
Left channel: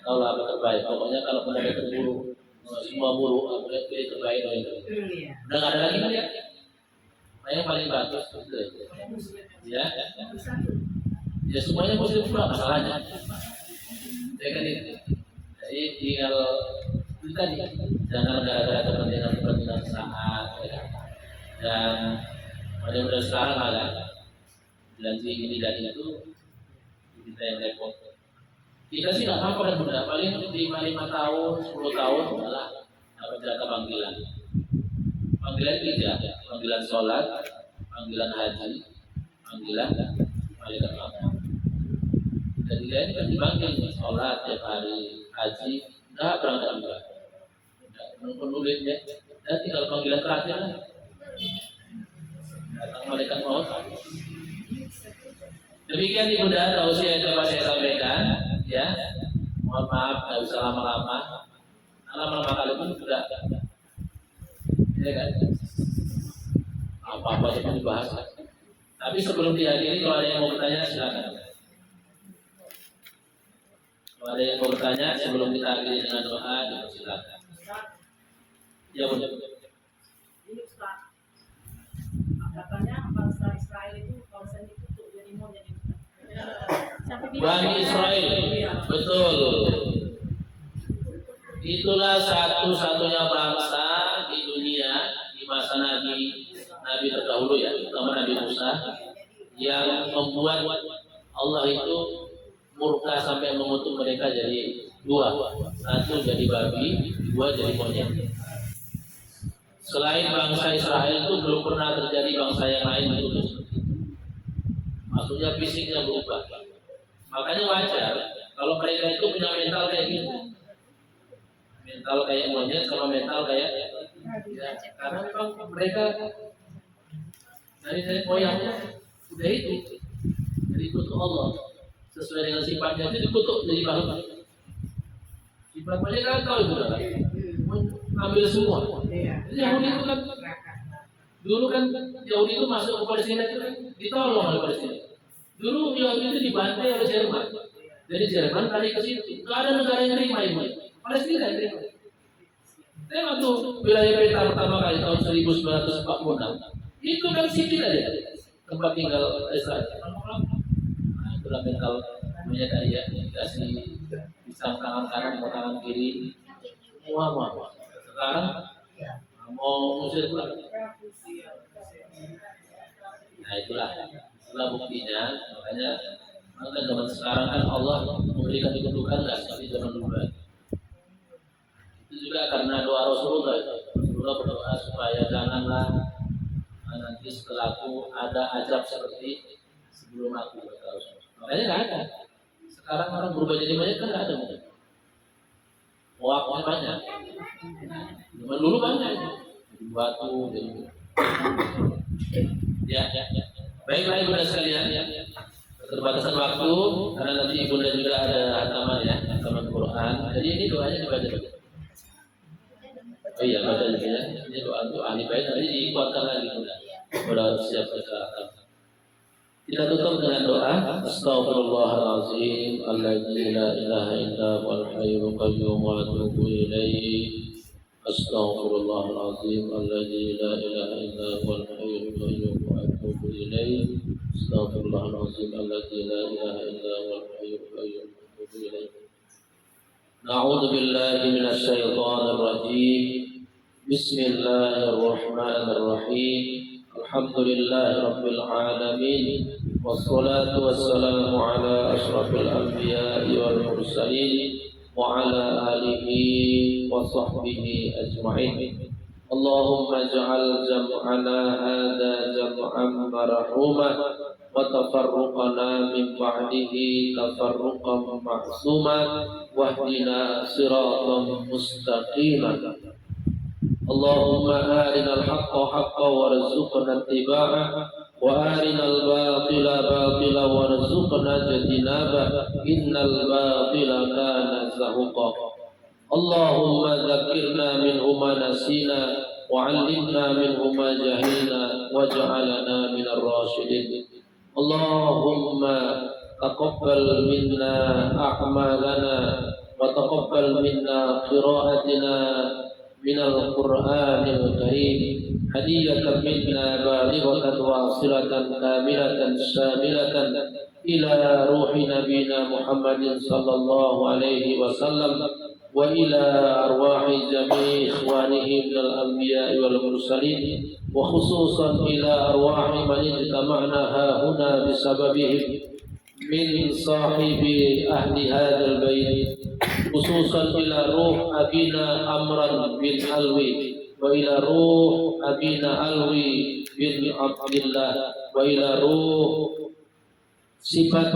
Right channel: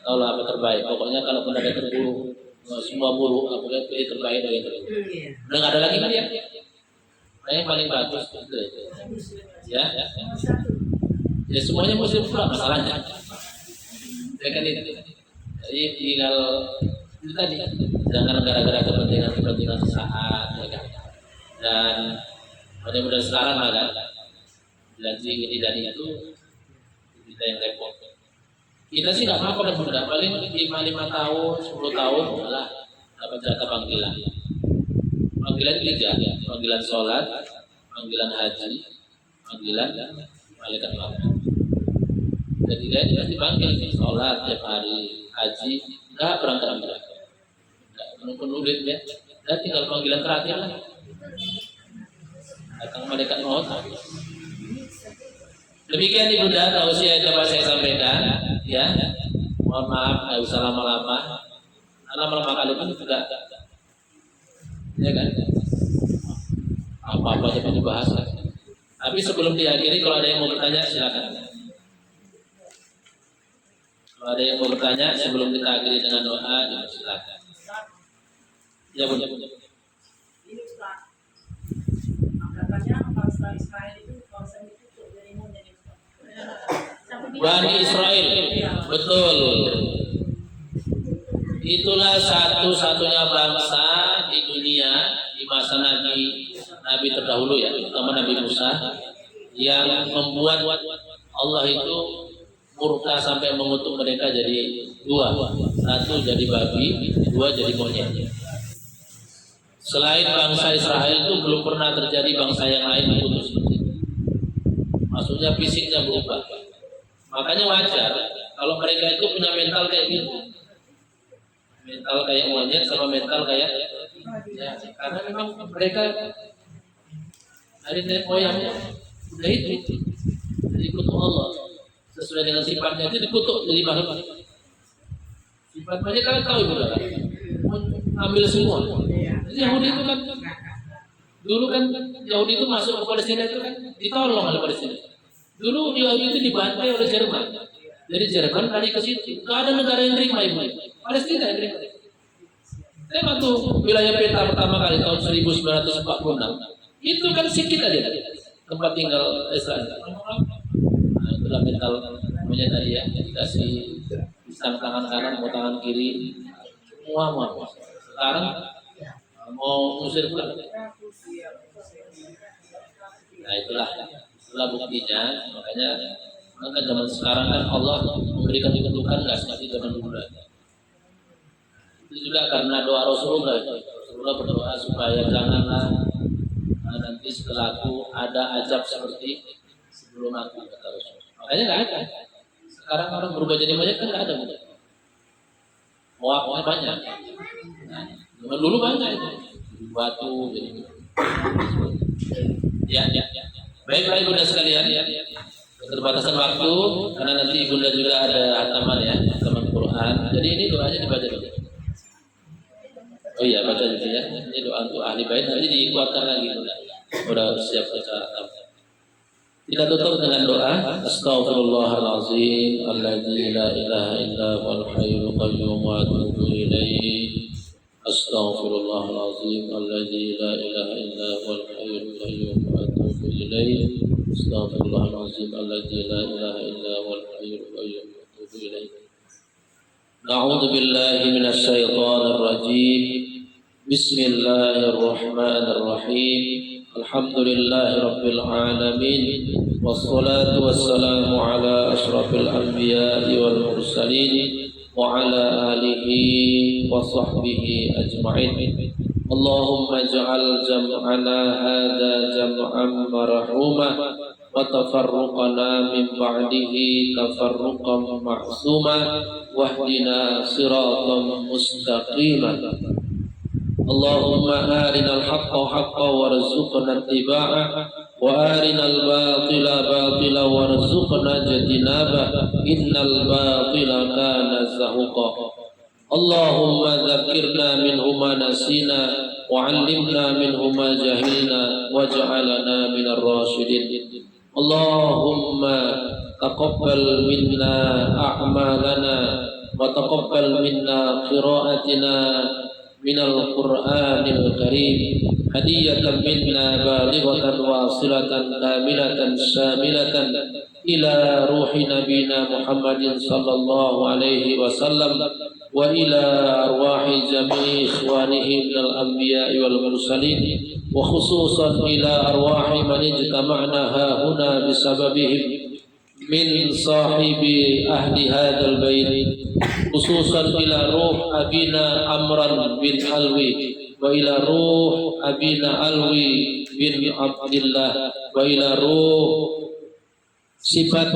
Tahu lah apa terbaik. Pokoknya kalau pun ada terburuk, semua buruk, aku lihat pilih terbaik dari itu. Udah nggak ada lagi kan ya? Yang paling bagus itu. Ya, ya semuanya muslim pula masalahnya. Ya kan itu. Jadi tinggal itu tadi, jangan gara-gara kepentingan sesaat, ya kan. Dan mudah-mudahan sekarang ada janji ini dan itu kita yang repot. Kita sih nggak apa-apa benar, paling 5 tahun, 10 tahun malah dapat jatah panggilan. Panggilan 3, panggilan sholat, panggilan haji, panggilan malaikat maut. Jadi dia dipanggil nih sholat tiap hari, haji, nggak berangkat, nggak penuh duit ya. Dan tinggal panggilan terakhir datang malaikat maut. Demikian nih Bunda, tausiah yang dapat saya sampaikan, ya. Mohon maaf, nggak usah lama-lama. Lama-lama kali pun sudah, ya kan? Apa-apa yang dibahas lagi. Tapi sebelum diakhiri, kalau ada yang mau bertanya silakan. Kalau ada yang mau bertanya sebelum kita akhiri dengan doa, silakan. Ya benar. Ini Pak, katanya bangsa Israel itu bangsa itu jadi mau jadi Bani Israel, betul. Itulah satu-satunya bangsa di dunia di masa Nabi terdahulu ya, terutama Nabi Musa, yang membuat Allah itu murka sampai mengutuk mereka jadi 2, 1 jadi babi, 2 jadi monyet. Selain bangsa Israel itu belum pernah terjadi bangsa yang lain dikutuk seperti itu. Maksudnya fisiknya berubah. Makanya wajar kalau mereka itu punya mental kayak gitu. Mental kayak monyet sama mental kayak ya, karena memang mereka dari nenek moyangnya udah itu dikutuk Allah sesuai dengan sifatnya itu dikutuk jadi bahan. Sifat monyet kalian tahu itu kan? Ambil semua. Jadi Yahudi itu kan dulu kan Yahudi itu masuk ke Palestina itu kan ditolong oleh Palestina. Dulu Yahudi itu dibantai oleh Jerman. Jadi Jerman tadi ke situ. Gak ada negara yang terima itu. Palestina yang terima. Saya waktu wilayah peta pertama kali tahun 1946 itu kan sedikit aja tempat tinggal Israel. Nah, itulah mental punya tadi ya, dikasih pisang tangan kanan mau tangan kiri semua mau. Sekarang mau usir pulang. Nah itulah buktinya. Makanya zaman sekarang kan Allah memberikan kebutuhan nggak seperti zaman dulu. Itu juga karena doa Rasulullah. Rasulullah berdoa supaya janganlah nanti setelahku ada ajab seperti sebelum aku, kata Rasul. Makanya nggak ada. Sekarang orang berubah jadi banyak kan nggak ada. Hoaknya banyak. Zaman dulu banyak. Jadi batu. Jadi. Ya. Baik ibunda sekalian. Keterbatasan waktu karena nanti ibunda juga ada hataman ya, hataman Quran. Jadi ini doanya dibaca dulu. Oh iya, baca dulu ya. Ini doa untuk ahli bait nanti dikuatkan lagi udah siap baca. Kita tutup dengan doa. Astaghfirullahalazim alladzi la ilaha illa huwal hayyul qayyum wa atubu ilaihi. Astaghfirullahalazim alladzi la ilaha illa huwal hayyul qayyum wa atubu ilaihi. Astaghfirullahalazim alladzi la ilaha illa huwal hayyul qayyum wa atubu ilaihi. Na'udzu billahi minasy syaithanir rajim. Bismillahirrahmanirrahim. Alhamdulillahi rabbil alamin. Wassalatu wassalamu ala asyrafil anbiya'i wal mursalin wa ala alihi wa sahbihi ajma'in. Allahumma ij'al jam'ana hadza jam'an marhuma wa tafarruqana min ba'dihi tafarruqan ma'suma wahdina siratan mustaqima. Allahumma arinal haqqa haqqa warzuqna ittiba'ah wa arinal batila batila warzuqna ijtinabah innal batila kana zahuqa. Allahumma dzakkirna minhu ma nasina wa 'allimna minhu ma jahilna waj'alna minar rasyidin. Allahumma taqabbal minna a'malana wa taqabbal minna qira'atina minal Qur'anil Karim hadiyatan minna balighatan wasilatan kamilatan syamilatan ila ruhi nabiyina Muhammadin sallallahu alaihi wasallam wa ila arwahi jami'i ikhwanihi minal anbiya'i wal mursalin wa khususan ila arwahi man ijtama'na hahuna bisababihim min sahibi ahli hadzal bait khususan ila ruh abina Amran bin Alwi wa ila ruh abina Alwi bin Abdillah wa ila ruh Sifat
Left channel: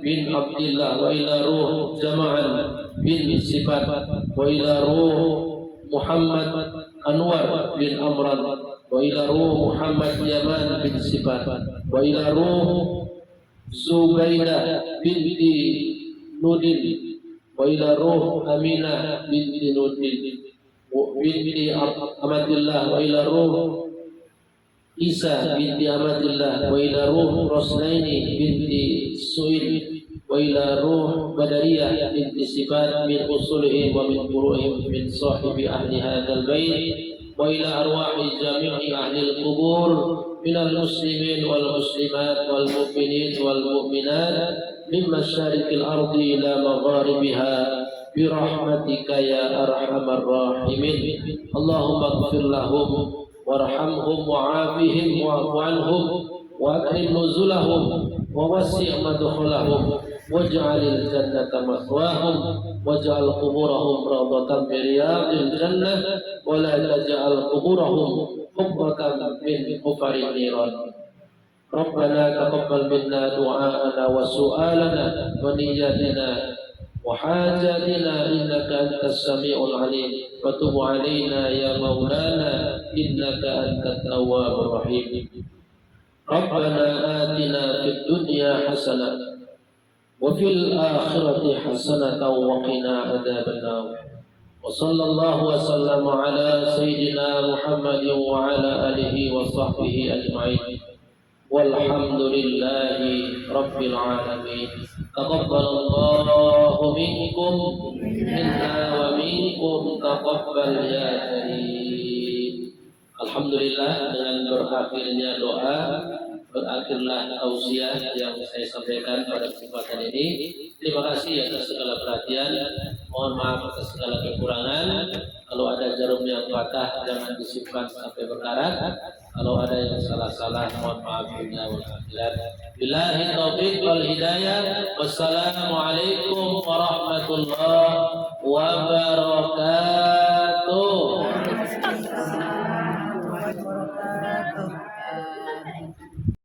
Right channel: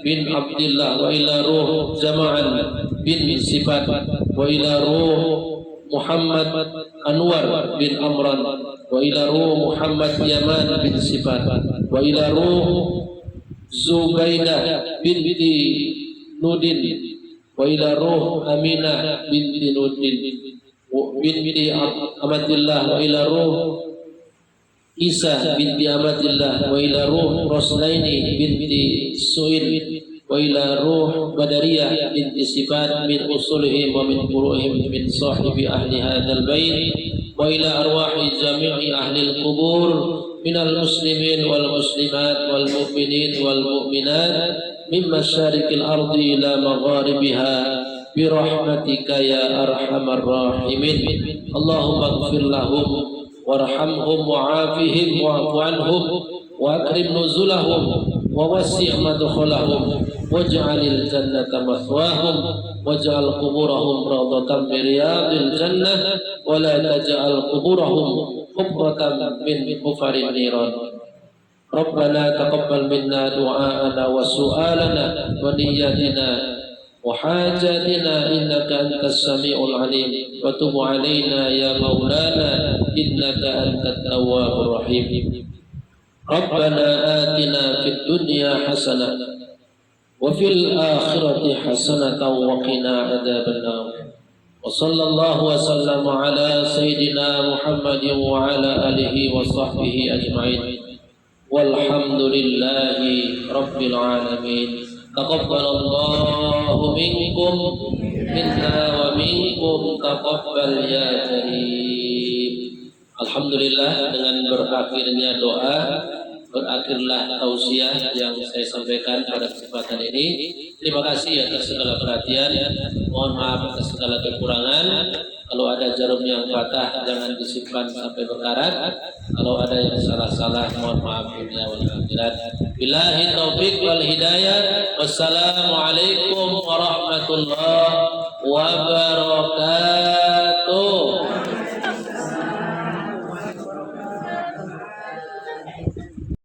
bin Abdillah wa ila ruh Zama'an bin Sifat wa ila ruh Muhammad Anwar bin Amran wa ila ruh Muhammad Yaman bin Sifat wa ila ruh Zubaidah binti Nudin wa ila ruh Aminah binti Nudin binti Amatillah wa ila ruh Isa binti Amatillah wa ila ruh Rosnaini binti Su'id wa ila ruh Badariyah binti Sifat min usulihim wa min furu'ihim min sahibi ahli hadzal bait wa ila arwahi jami'i ahli al-qubur minal muslimin wal muslimat wal mu'minin wal mu'minat min masyarikil ardi ila magharibiha bi rahmatika ya arhamar rahimin. Allahumma ighfir lahum warhamhum wa'afihim wa'fu anhum wa akrim nuzulahum wa wasi' madkhulahum waj'alil jannata mathwahum waj'al quburahum rawdatan min riyadil jannah wa la taj'al quburahum qubbatan min hufarin niran. Rabbana taqabbal minna du'aana wa su'alana wa niyyatina wa hajatina innaka antas sami'ul alim wa tub 'alaina ya maulana innaka antat tawwabur rahim. Rabbana atina fid dunya hasanah wa fil akhirati hasanatan wa qina adzabannar. Wa sallallahu wa sallama ala sayyidina Muhammadin wa ala alihi wa sahbihi ajma'in. Walhamdulillahi rabbil alamin. Taqabbalallahu minkum minna wa minkum taqabbal ya karim. Alhamdulillah, dengan berakhirnya doa berakhirlah tausiah yang saya sampaikan pada kesempatan ini. Terima kasih atas segala perhatian. Mohon maaf atas segala kekurangan. Kalau ada jarum yang patah jangan disimpan sampai berkarat. Kalau ada yang salah-salah mohon maaf dunia wal akhirat. Billahi taufiq wal hidayah. Wassalamualaikum warahmatullahi wabarakatuh.